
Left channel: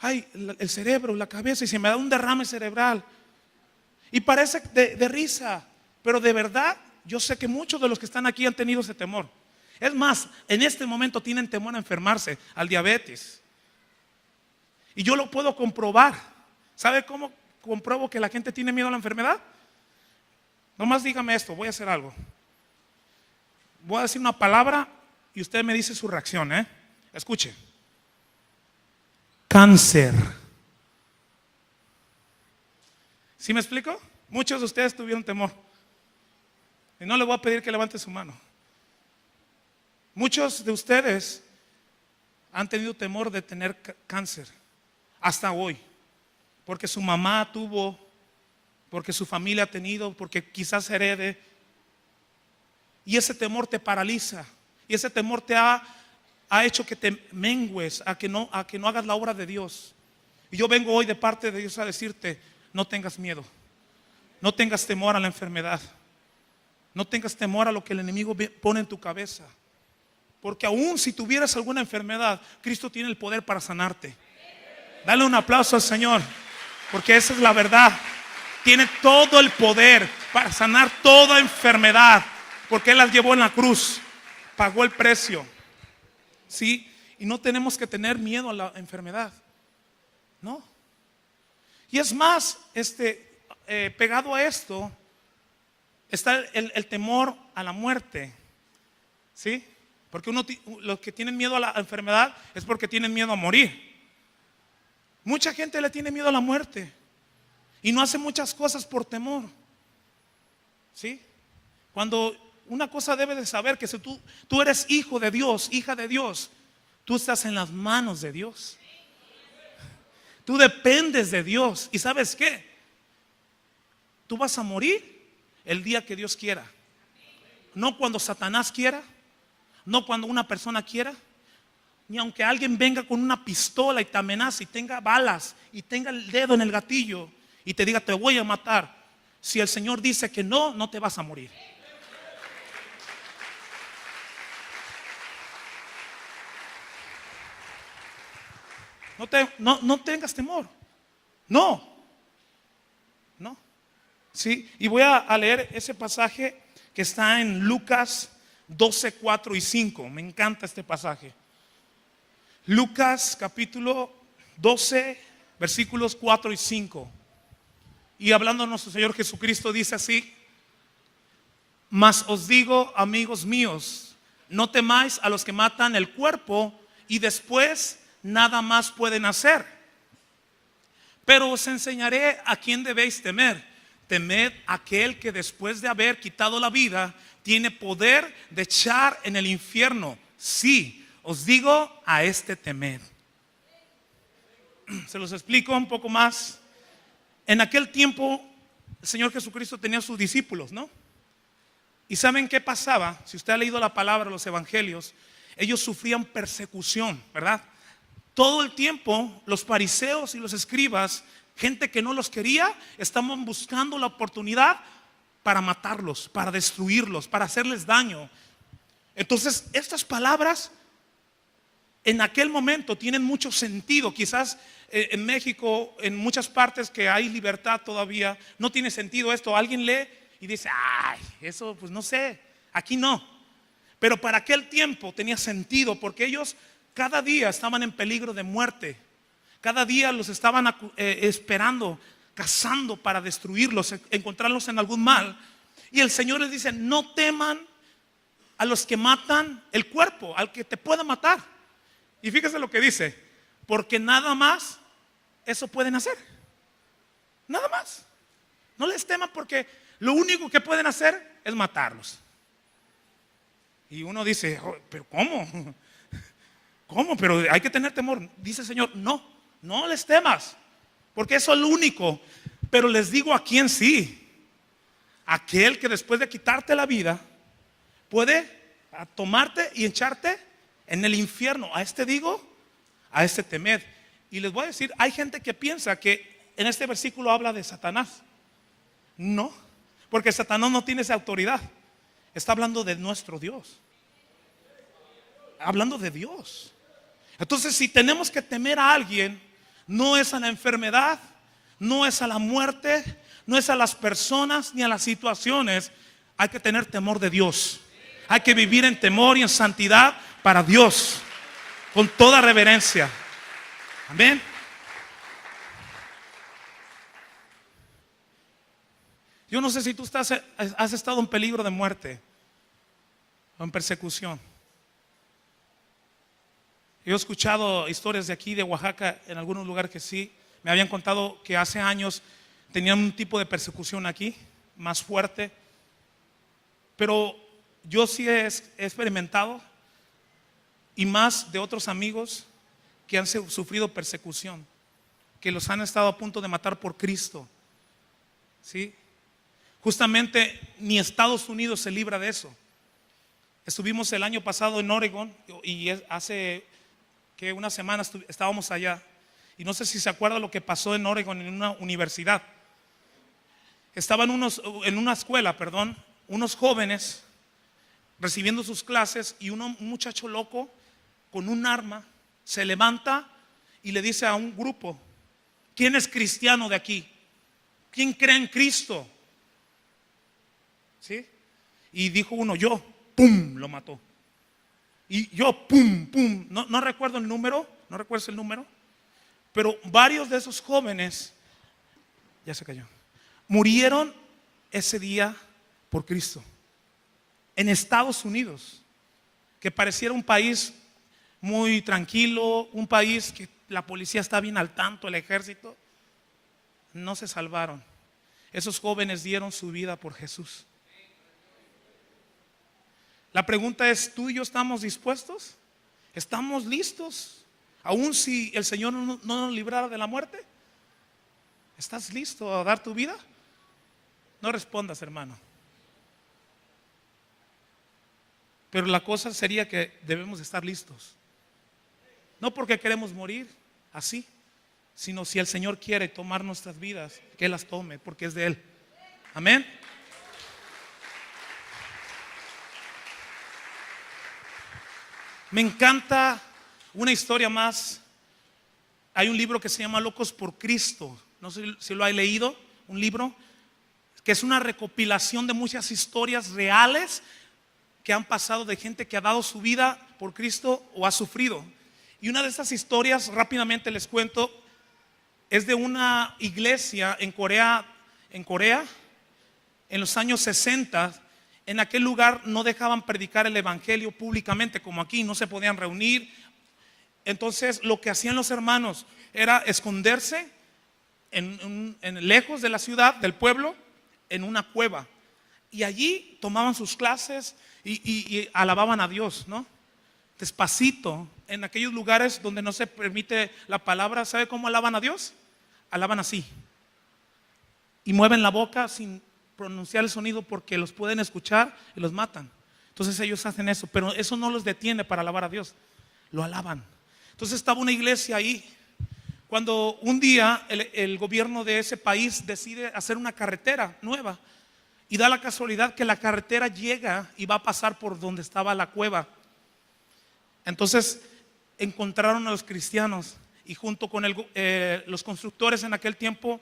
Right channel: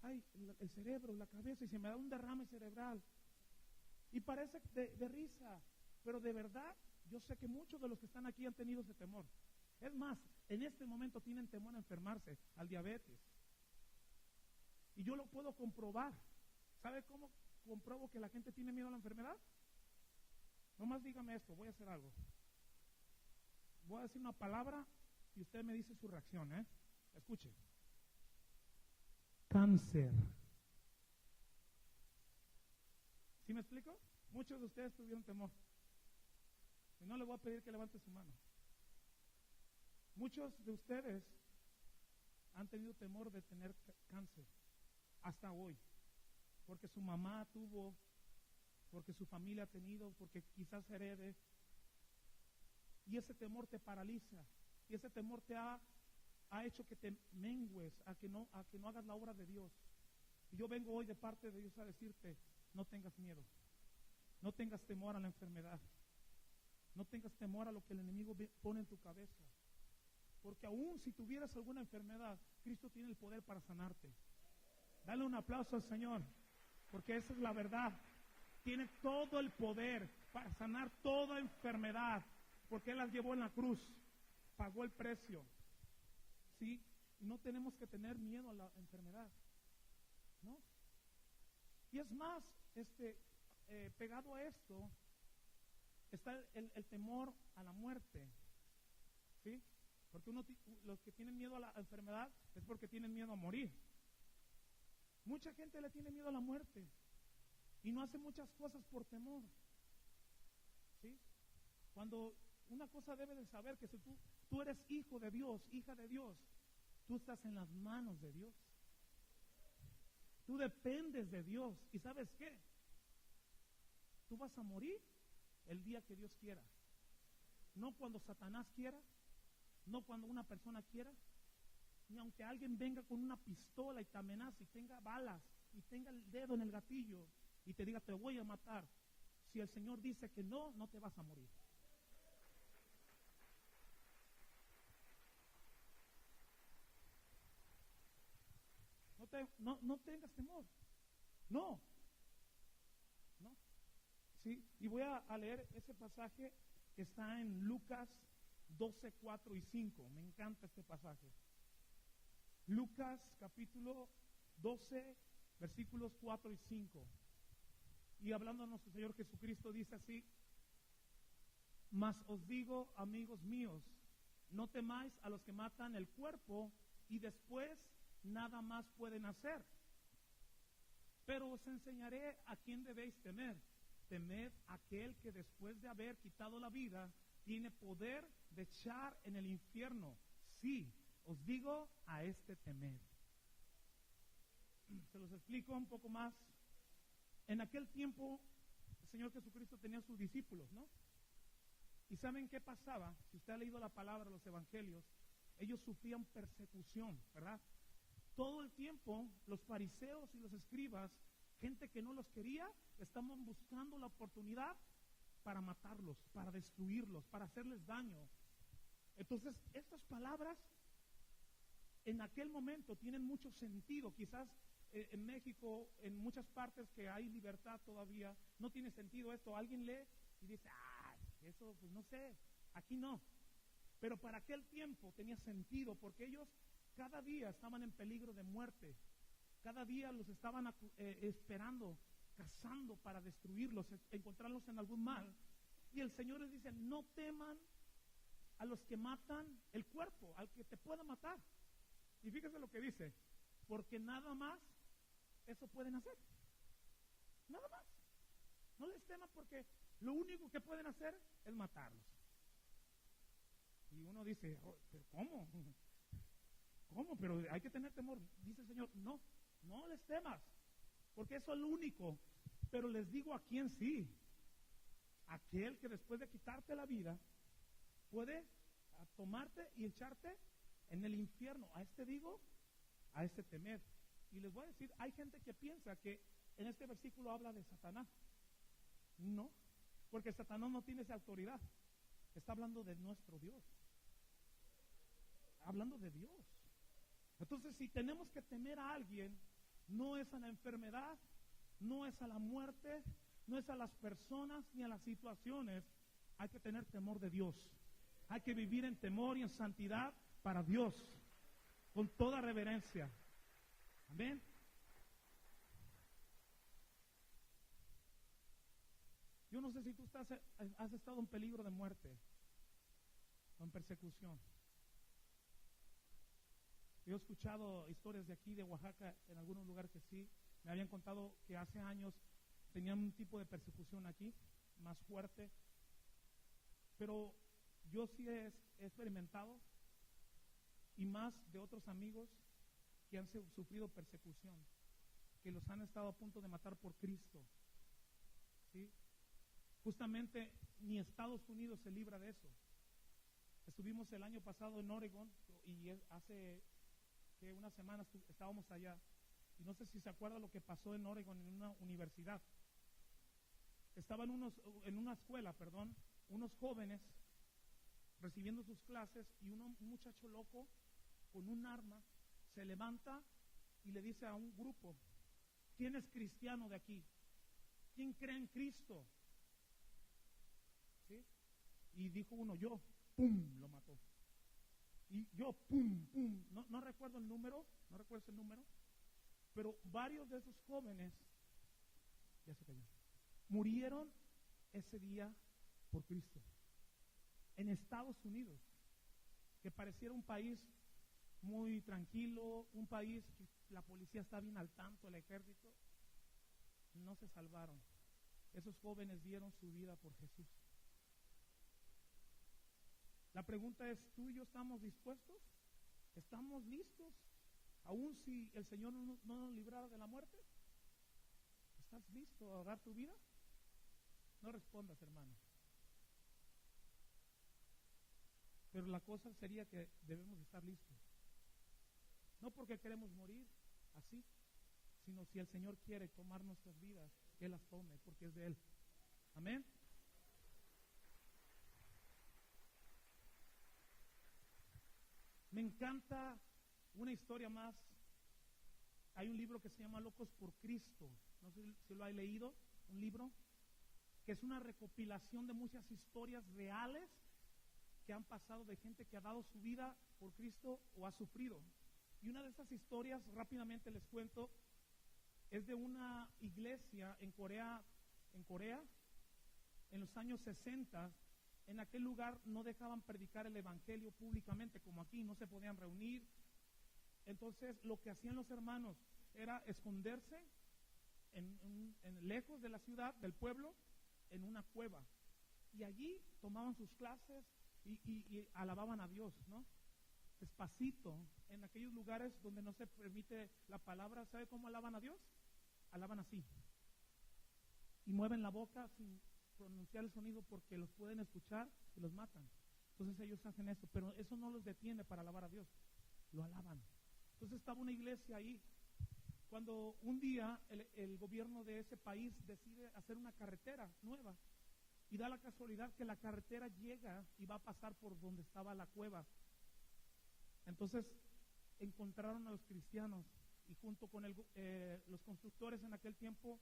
Ay, el cerebro, la cabeza, y se me da un derrame cerebral. Y parece de risa, pero de verdad yo sé que muchos de los que están aquí han tenido ese temor. Es más, en este momento tienen temor a enfermarse, al diabetes. Y yo lo puedo comprobar. ¿Sabe cómo compruebo que la gente tiene miedo a la enfermedad? Nomás dígame esto, voy a hacer algo. Voy a decir una palabra y usted me dice su reacción, Escuche. Cáncer. ¿Sí me explico? Muchos de ustedes tuvieron temor. Y no le voy a pedir que levante su mano. Muchos de ustedes han tenido temor de tener cáncer hasta hoy. Porque su mamá tuvo, porque su familia ha tenido, porque quizás herede. Y ese temor te paraliza. Y ese temor te ha hecho que te mengues, a que no hagas la obra de Dios. Y yo vengo hoy de parte de Dios a decirte, no tengas miedo. No tengas temor a la enfermedad. No tengas temor a lo que el enemigo pone en tu cabeza. Porque aún si tuvieras alguna enfermedad, Cristo tiene el poder para sanarte. Dale un aplauso al Señor, porque esa es la verdad. Tiene todo el poder para sanar toda enfermedad, porque Él las llevó en la cruz, pagó el precio. ¿Sí? Y no tenemos que tener miedo a la enfermedad. No. Y es más, pegado a esto está el temor a la muerte. ¿Sí? Porque los que tienen miedo a la enfermedad es porque tienen miedo a morir. Mucha gente le tiene miedo a la muerte y no hace muchas cosas por temor. ¿Sí? Cuando una cosa debe de saber que si tú eres hijo de Dios, hija de Dios, tú estás en las manos de Dios. Tú dependes de Dios. ¿Y sabes qué? Tú vas a morir el día que Dios quiera. No cuando Satanás quiera. No cuando una persona quiera. Ni aunque alguien venga con una pistola y te amenace y tenga balas y tenga el dedo en el gatillo y te diga te voy a matar. Si el Señor dice que no, no te vas a morir. No tengas temor. No. ¿Sí? Y voy a leer ese pasaje que está en Lucas 12, 4 y 5. Me encanta este pasaje. Lucas capítulo 12, versículos 4 y 5. Y hablando de nuestro Señor Jesucristo dice así: Mas os digo, amigos míos, no temáis a los que matan el cuerpo y después nada más pueden hacer. Pero os enseñaré a quién debéis temer. Temed a aquel que después de haber quitado la vida tiene poder de echar en el infierno. Sí, os digo, a este temed. Se los explico un poco más. En aquel tiempo el Señor Jesucristo tenía sus discípulos, ¿no? ¿Y saben qué pasaba? Si usted ha leído la palabra, los evangelios, ellos sufrían persecución, ¿verdad? Todo el tiempo los fariseos y los escribas, gente que no los quería, estaban buscando la oportunidad para matarlos, para destruirlos, para hacerles daño. Entonces, estas palabras en aquel momento tienen mucho sentido. Quizás en México, en muchas partes que hay libertad todavía, no tiene sentido esto. Alguien lee y dice, ay, eso pues no sé, aquí no. Pero para aquel tiempo tenía sentido, porque ellos cada día estaban en peligro de muerte. Cada día los estaban esperando, cazando para destruirlos, encontrarlos en algún mal. Y el Señor les dice, no teman a los que matan el cuerpo, al que te pueda matar. Y fíjese lo que dice, porque nada más eso pueden hacer. Nada más. No les teman, porque lo único que pueden hacer es matarlos. Y uno dice, oh, pero ¿cómo? ¿Cómo? Pero hay que tener temor. Dice el Señor, no les temas, porque eso es lo único. Pero les digo a quién sí. Aquel que después de quitarte la vida puede tomarte y echarte en el infierno. A este digo, a este temed. Y les voy a decir, hay gente que piensa que en este versículo habla de Satanás. No, porque Satanás no tiene esa autoridad. Está hablando de nuestro Dios. Hablando de Dios. Entonces, si tenemos que temer a alguien, no es a la enfermedad, no es a la muerte, no es a las personas ni a las situaciones. Hay que tener temor de Dios. Hay que vivir en temor y en santidad para Dios, con toda reverencia. Amén. Yo no sé si tú has estado en peligro de muerte o en persecución. Yo he escuchado historias de aquí, de Oaxaca, en algunos lugares que sí. Me habían contado que hace años tenían un tipo de persecución aquí, más fuerte. Pero yo sí he experimentado, y más de otros amigos que han sufrido persecución, que los han estado a punto de matar por Cristo. ¿Sí? Justamente ni Estados Unidos se libra de eso. Estuvimos el año pasado en Oregon y hace que una semana estábamos allá. Y no sé si se acuerda lo que pasó en Oregon, en una universidad. Estaban en una escuela, unos jóvenes recibiendo sus clases, y un muchacho loco con un arma se levanta y le dice a un grupo, ¿quién es cristiano de aquí? ¿Quién cree en Cristo? ¿Sí? Y dijo uno, yo, pum, lo mató. Y yo, pum, pum, no recuerdo el número, no recuerdo el número, pero varios de esos jóvenes, ya se cayó, murieron ese día por Cristo. En Estados Unidos, que pareciera un país muy tranquilo, un país que la policía está bien al tanto, el ejército, no se salvaron. Esos jóvenes dieron su vida por Jesús. La pregunta es, ¿tú y yo estamos dispuestos? ¿Estamos listos? Aún si el Señor no nos librara de la muerte, ¿estás listo a dar tu vida? No respondas, hermano. Pero la cosa sería que debemos estar listos. No porque queremos morir así, sino si el Señor quiere tomar nuestras vidas, que Él las tome, porque es de Él. Amén. Me encanta una historia más. Hay un libro que se llama Locos por Cristo. No sé si lo hay leído. Un libro que es una recopilación de muchas historias reales que han pasado de gente que ha dado su vida por Cristo o ha sufrido. Y una de esas historias, rápidamente les cuento, es de una iglesia en Corea en los años 60, En aquel lugar no dejaban predicar el evangelio públicamente como aquí, no se podían reunir. Entonces lo que hacían los hermanos era esconderse lejos de la ciudad, del pueblo, en una cueva. Y allí tomaban sus clases y alababan a Dios, ¿no? Despacito, en aquellos lugares donde no se permite la palabra. ¿Sabe cómo alaban a Dios? Alaban así. Y mueven la boca sin pronunciar el sonido porque los pueden escuchar y los matan. Entonces ellos hacen eso, pero eso no los detiene para alabar a Dios. Lo alaban. Entonces estaba una iglesia ahí. Cuando un día el gobierno de ese país decide hacer una carretera nueva, y da la casualidad que la carretera llega y va a pasar por donde estaba la cueva. Entonces encontraron a los cristianos, y junto con los constructores en aquel tiempo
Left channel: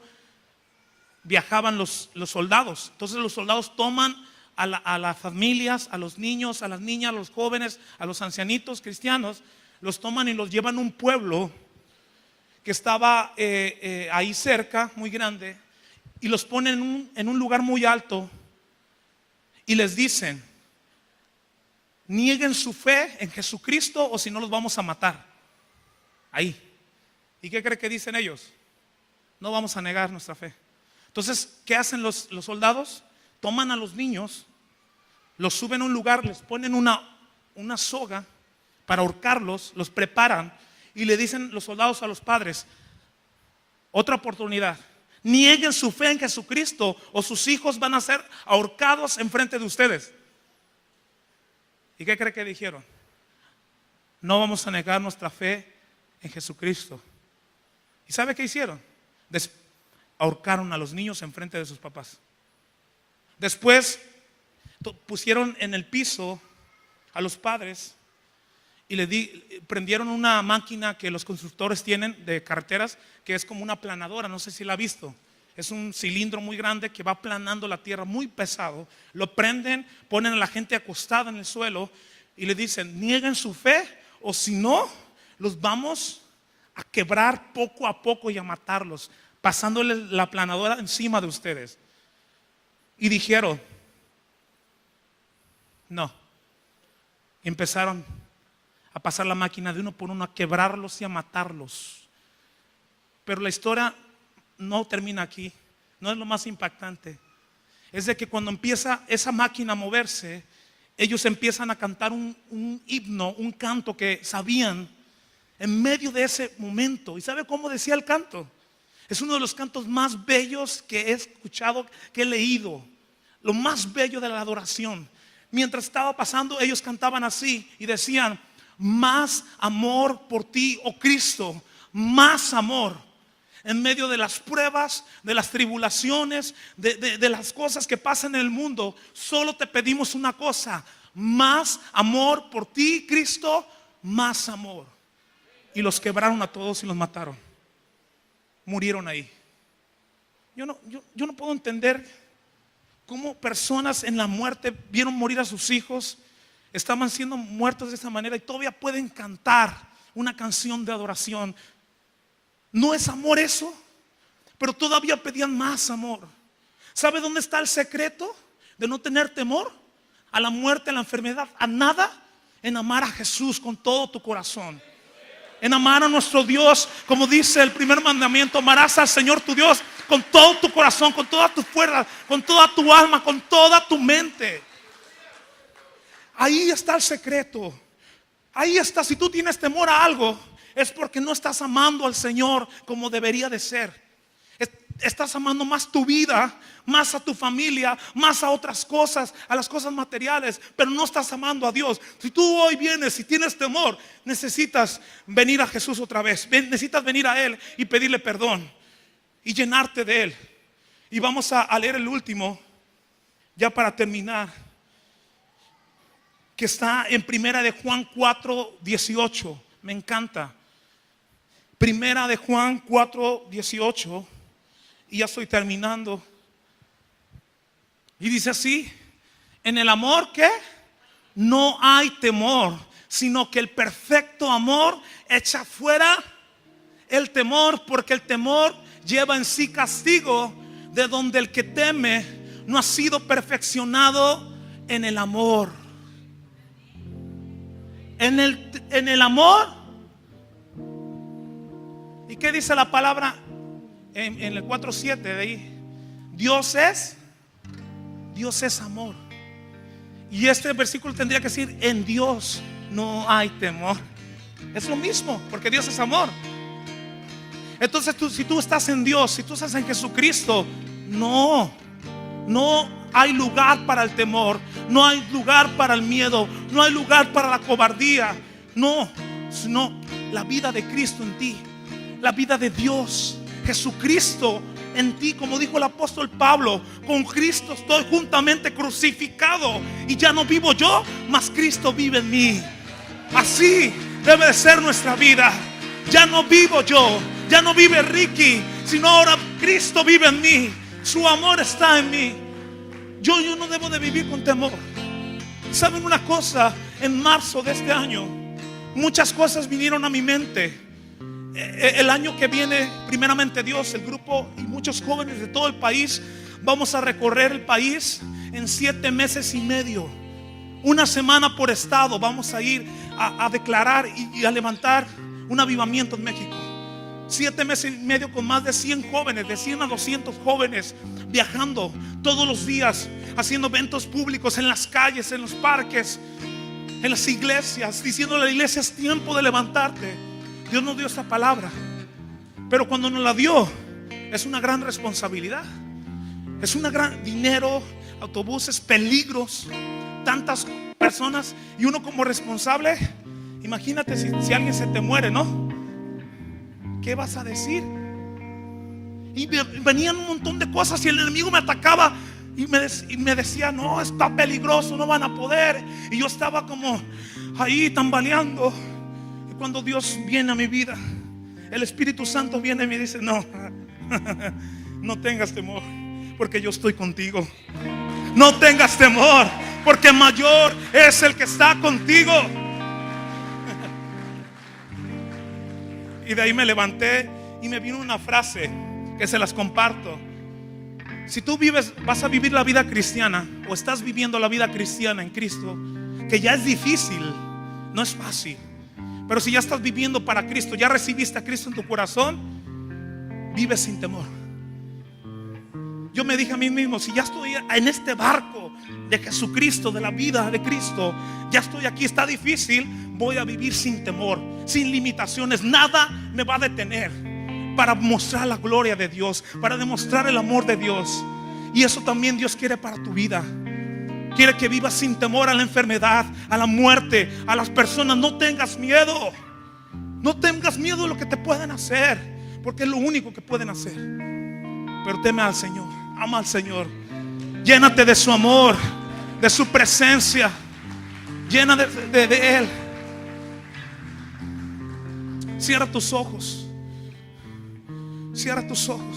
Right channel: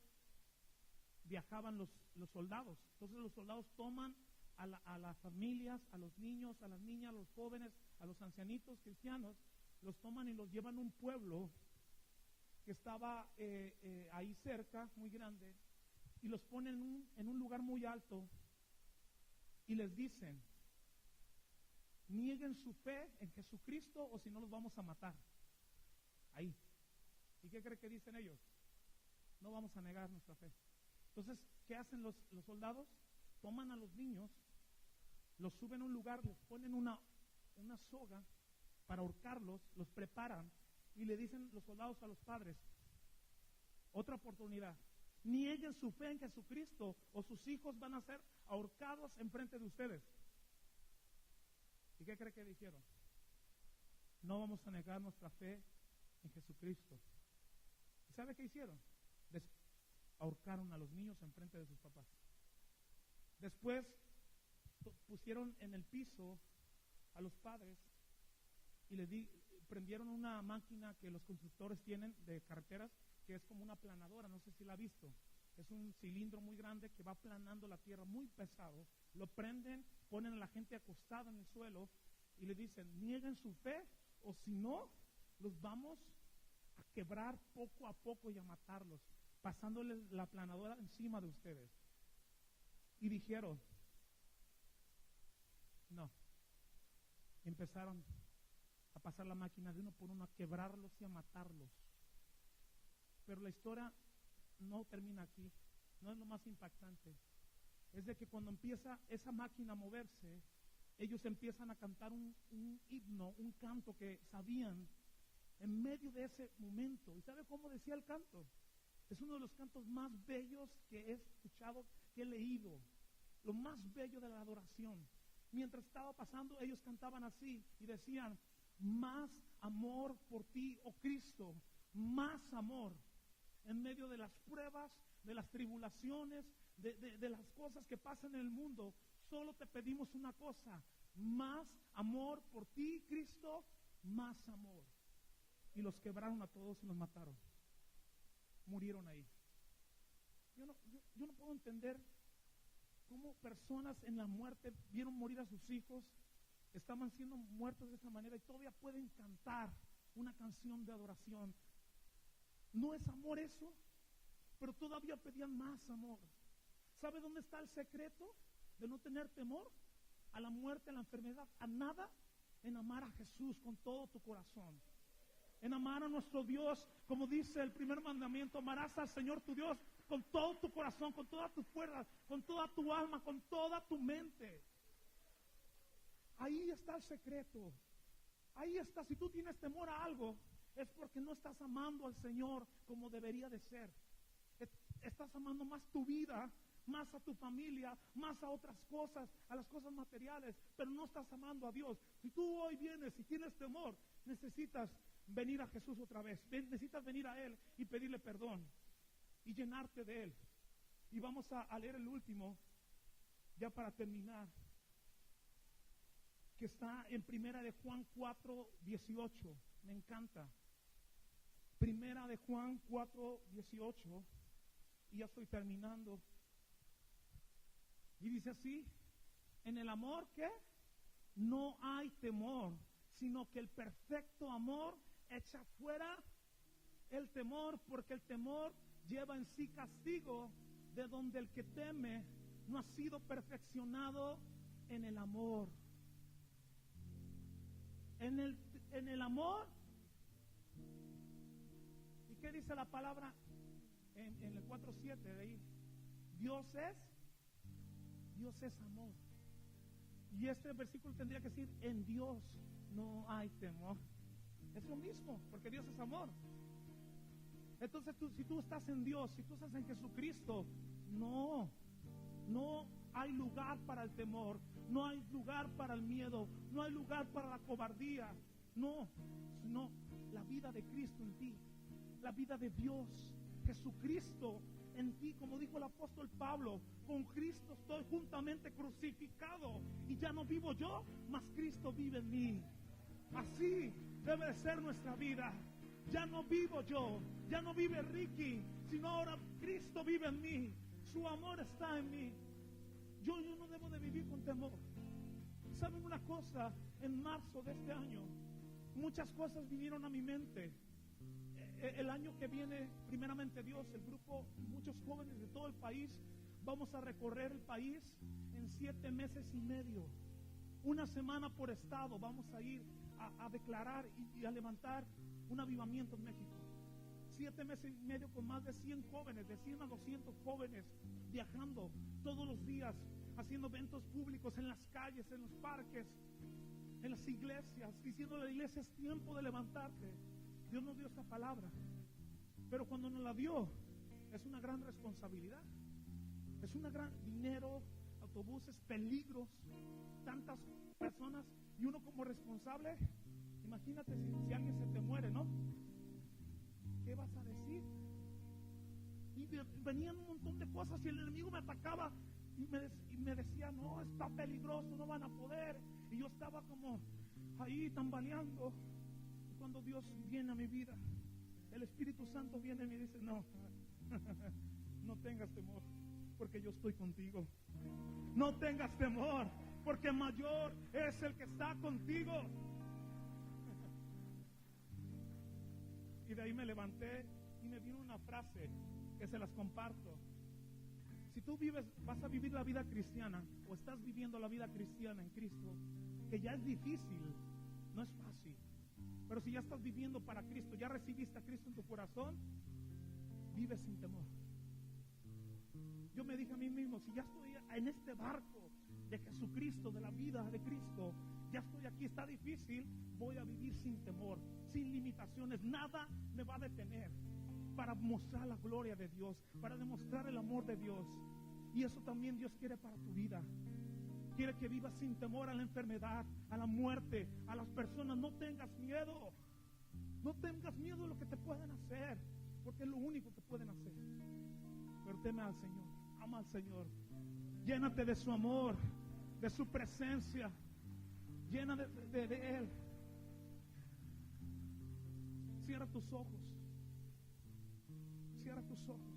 viajaban los soldados. Entonces los soldados toman a las familias, a los niños, a las niñas, a los jóvenes, a los ancianitos cristianos, los toman y los llevan a un pueblo que estaba ahí cerca, muy grande, y los ponen en un lugar muy alto y les dicen: nieguen su fe en Jesucristo o si no los vamos a matar. Ahí. ¿Y qué cree que dicen ellos? No vamos a negar nuestra fe. Entonces, ¿qué hacen los soldados? Toman a los niños, los suben a un lugar, les ponen una soga para ahorcarlos, los preparan y le dicen los soldados a los padres: otra oportunidad, nieguen su fe en Jesucristo o sus hijos van a ser ahorcados enfrente de ustedes. ¿Y qué cree que dijeron? No vamos a negar nuestra fe en Jesucristo. ¿Y sabe qué hicieron? Ahorcaron a los niños enfrente de sus papás. Después pusieron en el piso a los padres y prendieron una máquina que los constructores tienen de carreteras, que es como una aplanadora, no sé si la ha visto. Es un cilindro muy grande que va aplanando la tierra, muy pesado. Lo prenden, ponen a la gente acostada en el suelo y le dicen: nieguen su fe o si no, los vamos a quebrar poco a poco y a matarlos, pasándole la aplanadora encima de ustedes. Y dijeron: no. Y empezaron a pasar la máquina de uno por uno, a quebrarlos y a matarlos. Pero la historia no termina aquí. No es lo más impactante. Es de que cuando empieza esa máquina a moverse, ellos empiezan a cantar un himno, un canto que sabían en medio de ese momento. ¿Y sabe cómo decía el canto? Es uno de los cantos más bellos que he escuchado, que he leído. Lo más bello de la adoración. Mientras estaba pasando, ellos cantaban así y decían: más amor por ti, oh Cristo, más amor. En medio de las pruebas, de las tribulaciones, de las cosas que pasan en el mundo, solo te pedimos una cosa: más amor por ti, Cristo, más amor. Y los quebraron a todos y los mataron. Murieron ahí. Yo no puedo entender cómo personas en la muerte vieron morir a sus hijos, estaban siendo muertos de esa manera y todavía pueden cantar una canción de adoración. ¿No es amor eso? Pero todavía pedían más amor. ¿Sabe dónde está el secreto de no tener temor a la muerte, a la enfermedad, a nada? En amar a Jesús con todo tu corazón. En amar a nuestro Dios, como dice el primer mandamiento: amarás al Señor tu Dios con todo tu corazón, con toda tu fuerza, con toda tu alma, con toda tu mente. Ahí está el secreto. Ahí está. Si tú tienes temor a algo, es porque no estás amando al Señor como debería de ser. Estás amando más tu vida, más a tu familia, más a otras cosas, a las cosas materiales, pero no estás amando a Dios. Si tú hoy vienes y tienes temor, necesitas venir a Jesús otra vez. Necesitas venir a Él y pedirle perdón y llenarte de Él. Y vamos a leer el último, ya para terminar, que está en Primera de Juan 4:18. Me encanta. Primera de Juan 4:18. Y ya estoy terminando. Y dice así: en el amor que no hay temor, sino que el perfecto amor echa fuera el temor, porque el temor lleva en sí castigo, de donde el que teme no ha sido perfeccionado en el amor. En el amor. ¿Y qué dice la palabra en el 4:7 de ahí? Dios es amor. Y este versículo tendría que decir: en Dios no hay temor. Es lo mismo, porque Dios es amor. Entonces si tú estás en Dios, si tú estás en Jesucristo, no hay lugar para el temor, no hay lugar para el miedo, no hay lugar para la cobardía. No, sino la vida de Cristo en ti, la vida de Dios, Jesucristo en ti. Como dijo el apóstol Pablo: con Cristo estoy juntamente crucificado, y ya no vivo yo, mas Cristo vive en mí. Así debe de ser nuestra vida. Ya no vivo yo, ya no vive Ricky, sino ahora Cristo vive en mí. Su amor está en mí. Yo no debo de vivir con temor. ¿Saben una cosa? En marzo de este año, muchas cosas vinieron a mi mente. El año que viene, primeramente Dios, el grupo y muchos jóvenes de todo el país, vamos a recorrer el país en 7 meses y medio. Una semana por estado vamos a ir a declarar y a levantar un avivamiento en México. 7 meses y medio con más de 100 jóvenes, de 100 a 200 jóvenes, viajando todos los días, haciendo eventos públicos en las calles, en los parques, en las iglesias, diciéndole a la iglesia: es tiempo de levantarte. Dios nos dio esta palabra, pero cuando nos la dio, es una gran responsabilidad. Es un gran dinero, autobuses, peligros, tantas personas, y uno como responsable. Imagínate si alguien se te muere, ¿no? ¿Qué vas a decir? Y venían un montón de cosas, y el enemigo me atacaba y me decía: no, está peligroso, no van a poder. Y yo estaba como ahí tambaleando. Y cuando Dios viene a mi vida, el Espíritu Santo viene y me dice: no, no tengas temor, porque yo estoy contigo. No tengas temor, porque mayor es el que está contigo. Y de ahí me levanté y me vino una frase que se las comparto. Si tú vas a vivir la vida cristiana, o estás viviendo la vida cristiana en Cristo, que ya es difícil, no es fácil, pero si ya estás viviendo para Cristo, ya recibiste a Cristo en tu corazón, vive sin temor. Yo me dije a mí mismo: si ya estoy en este barco de Jesucristo, de la vida de Cristo, ya estoy aquí, está difícil, voy a vivir sin temor, sin limitaciones. Nada me va a detener para mostrar la gloria de Dios, para demostrar el amor de Dios. Y eso también Dios quiere para tu vida. Quiere que vivas sin temor a la enfermedad, a la muerte, a las personas. No tengas miedo. No tengas miedo de lo que te pueden hacer, porque es lo único que pueden hacer. Pero teme al Señor, ama al Señor, llénate de su amor, de su presencia, llena de Él. Cierra tus ojos, cierra tus ojos.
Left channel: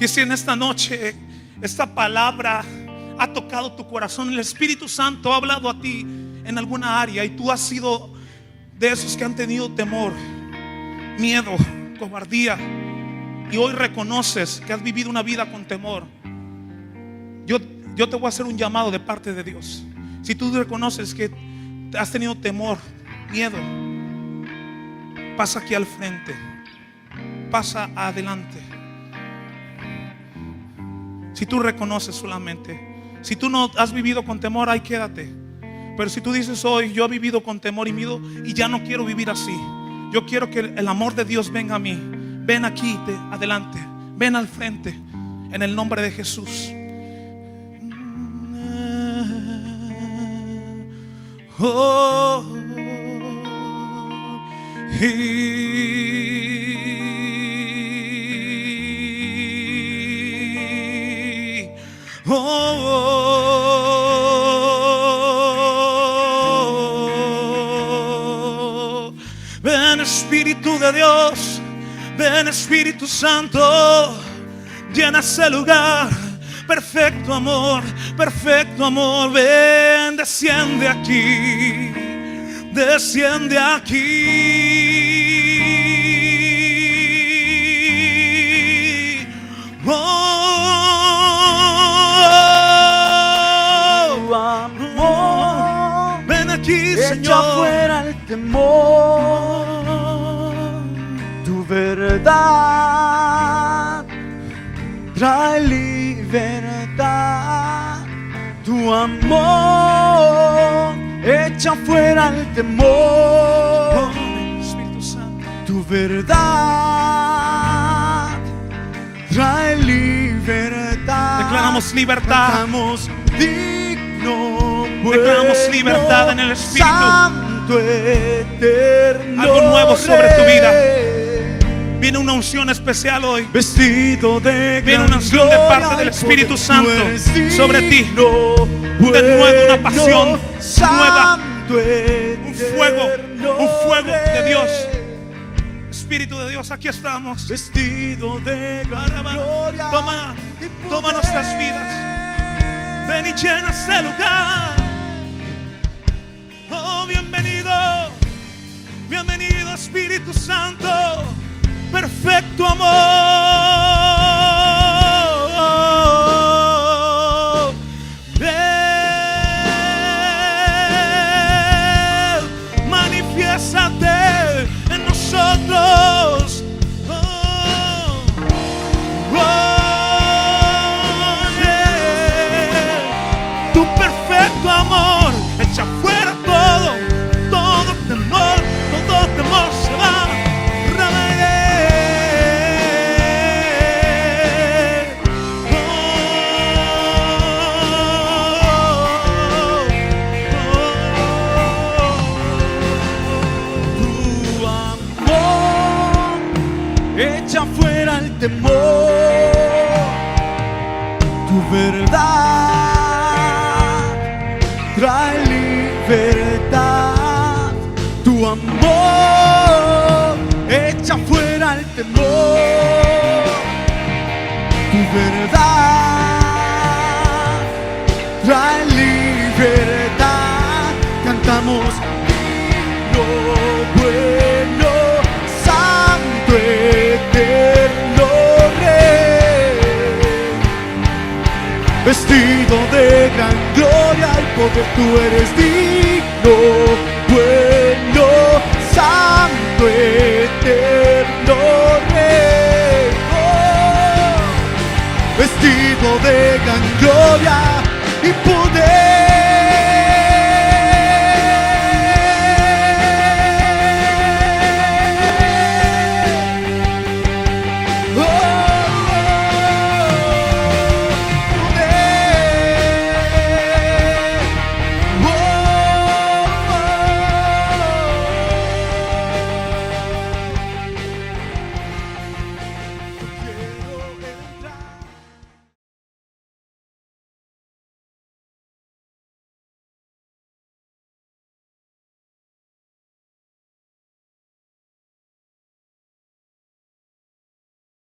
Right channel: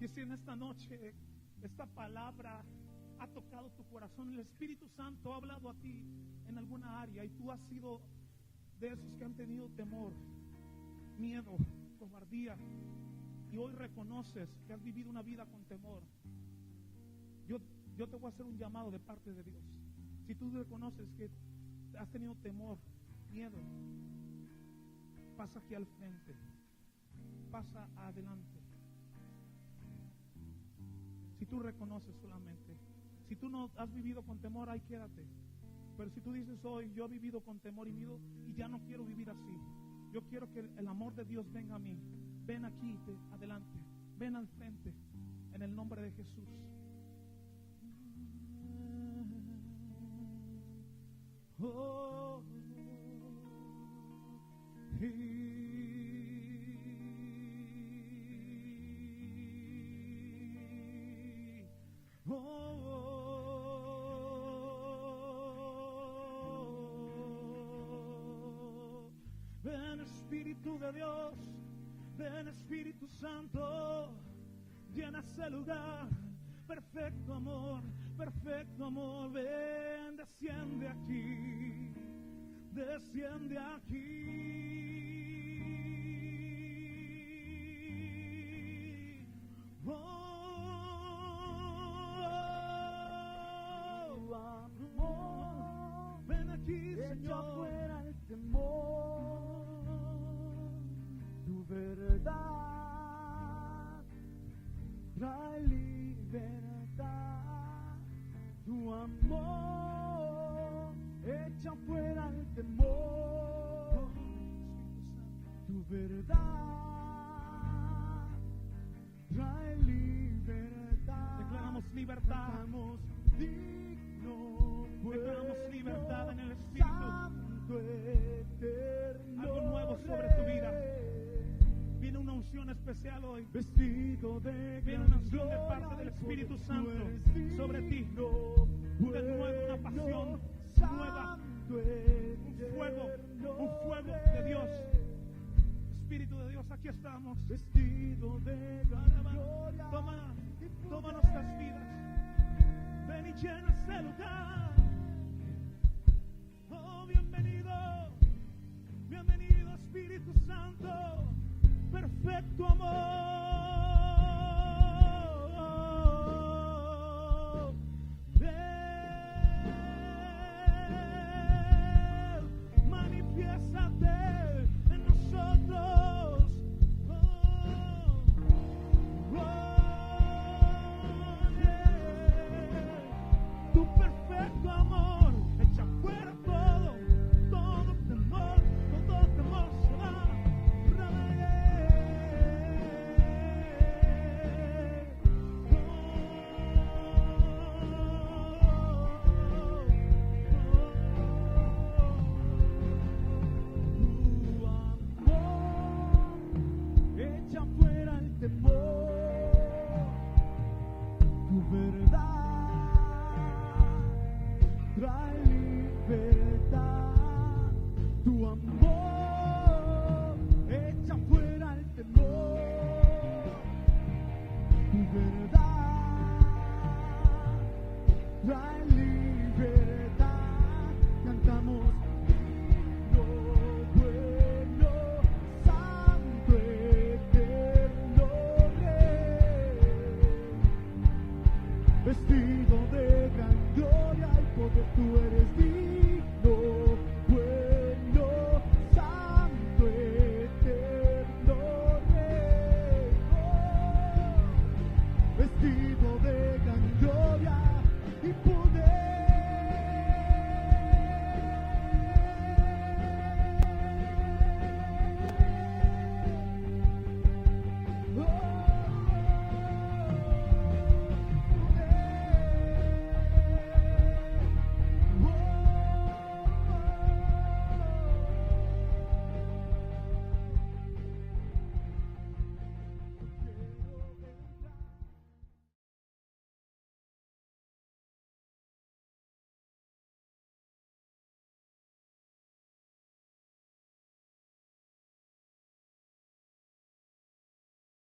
Y si en esta noche esta palabra ha tocado tu corazón, el Espíritu Santo ha hablado a ti en alguna área, y tú has sido de esos que han tenido temor, miedo, cobardía, y hoy reconoces que has vivido una vida con temor, yo te voy a hacer un llamado de parte de Dios. Si tú reconoces que has tenido temor, miedo, pasa aquí al frente, pasa adelante. Si tú reconoces solamente, si tú no has vivido con temor, ahí quédate. Pero si tú dices: hoy yo he vivido con temor y miedo y ya no quiero vivir así, yo quiero que el amor de Dios venga a mí, ven aquí adelante, ven al frente, en el nombre de Jesús. Oh, ven Espíritu de Dios, ven Espíritu Santo, llena ese lugar. Perfecto amor, ven, desciende aquí, desciende aquí. Oh, aquí, Echa Señor. fuera el temor, tu verdad trae libertad, tu amor echa fuera el temor, Espíritu Santo. tu verdad trae libertad. Declaramos libertad. Cantamos digno, Declaramos bueno, libertad en el Espíritu. Santo, eterno Algo nuevo sobre tu vida. Rey. Viene una unción especial hoy. Vestido de Viene gran una unción de gloria parte del y Espíritu poder. Santo Tú eres sobre ti. digno, De nuevo una bueno, pasión nueva. Santo, Un fuego de Rey. Dios. Espíritu de Dios, aquí estamos. Vestido de gran gloria. Toma, y toma poder. nuestras vidas. Ven y llena este lugar. Oh, bienvenido. Bienvenido, Espíritu Santo. Perfecto amor. Ven, manifiéstate en nosotros. Oh, oh, yeah. Tu perfecto amor echa fuera todo temor se va. Tu amor echa fuera el temor, tu verdad trae libertad, tu amor echa fuera el temor, tu verdad trae libertad. Cantamos digno, bueno, santo, eterno Rey. Vestido de gran gloria y poder, tú eres digno,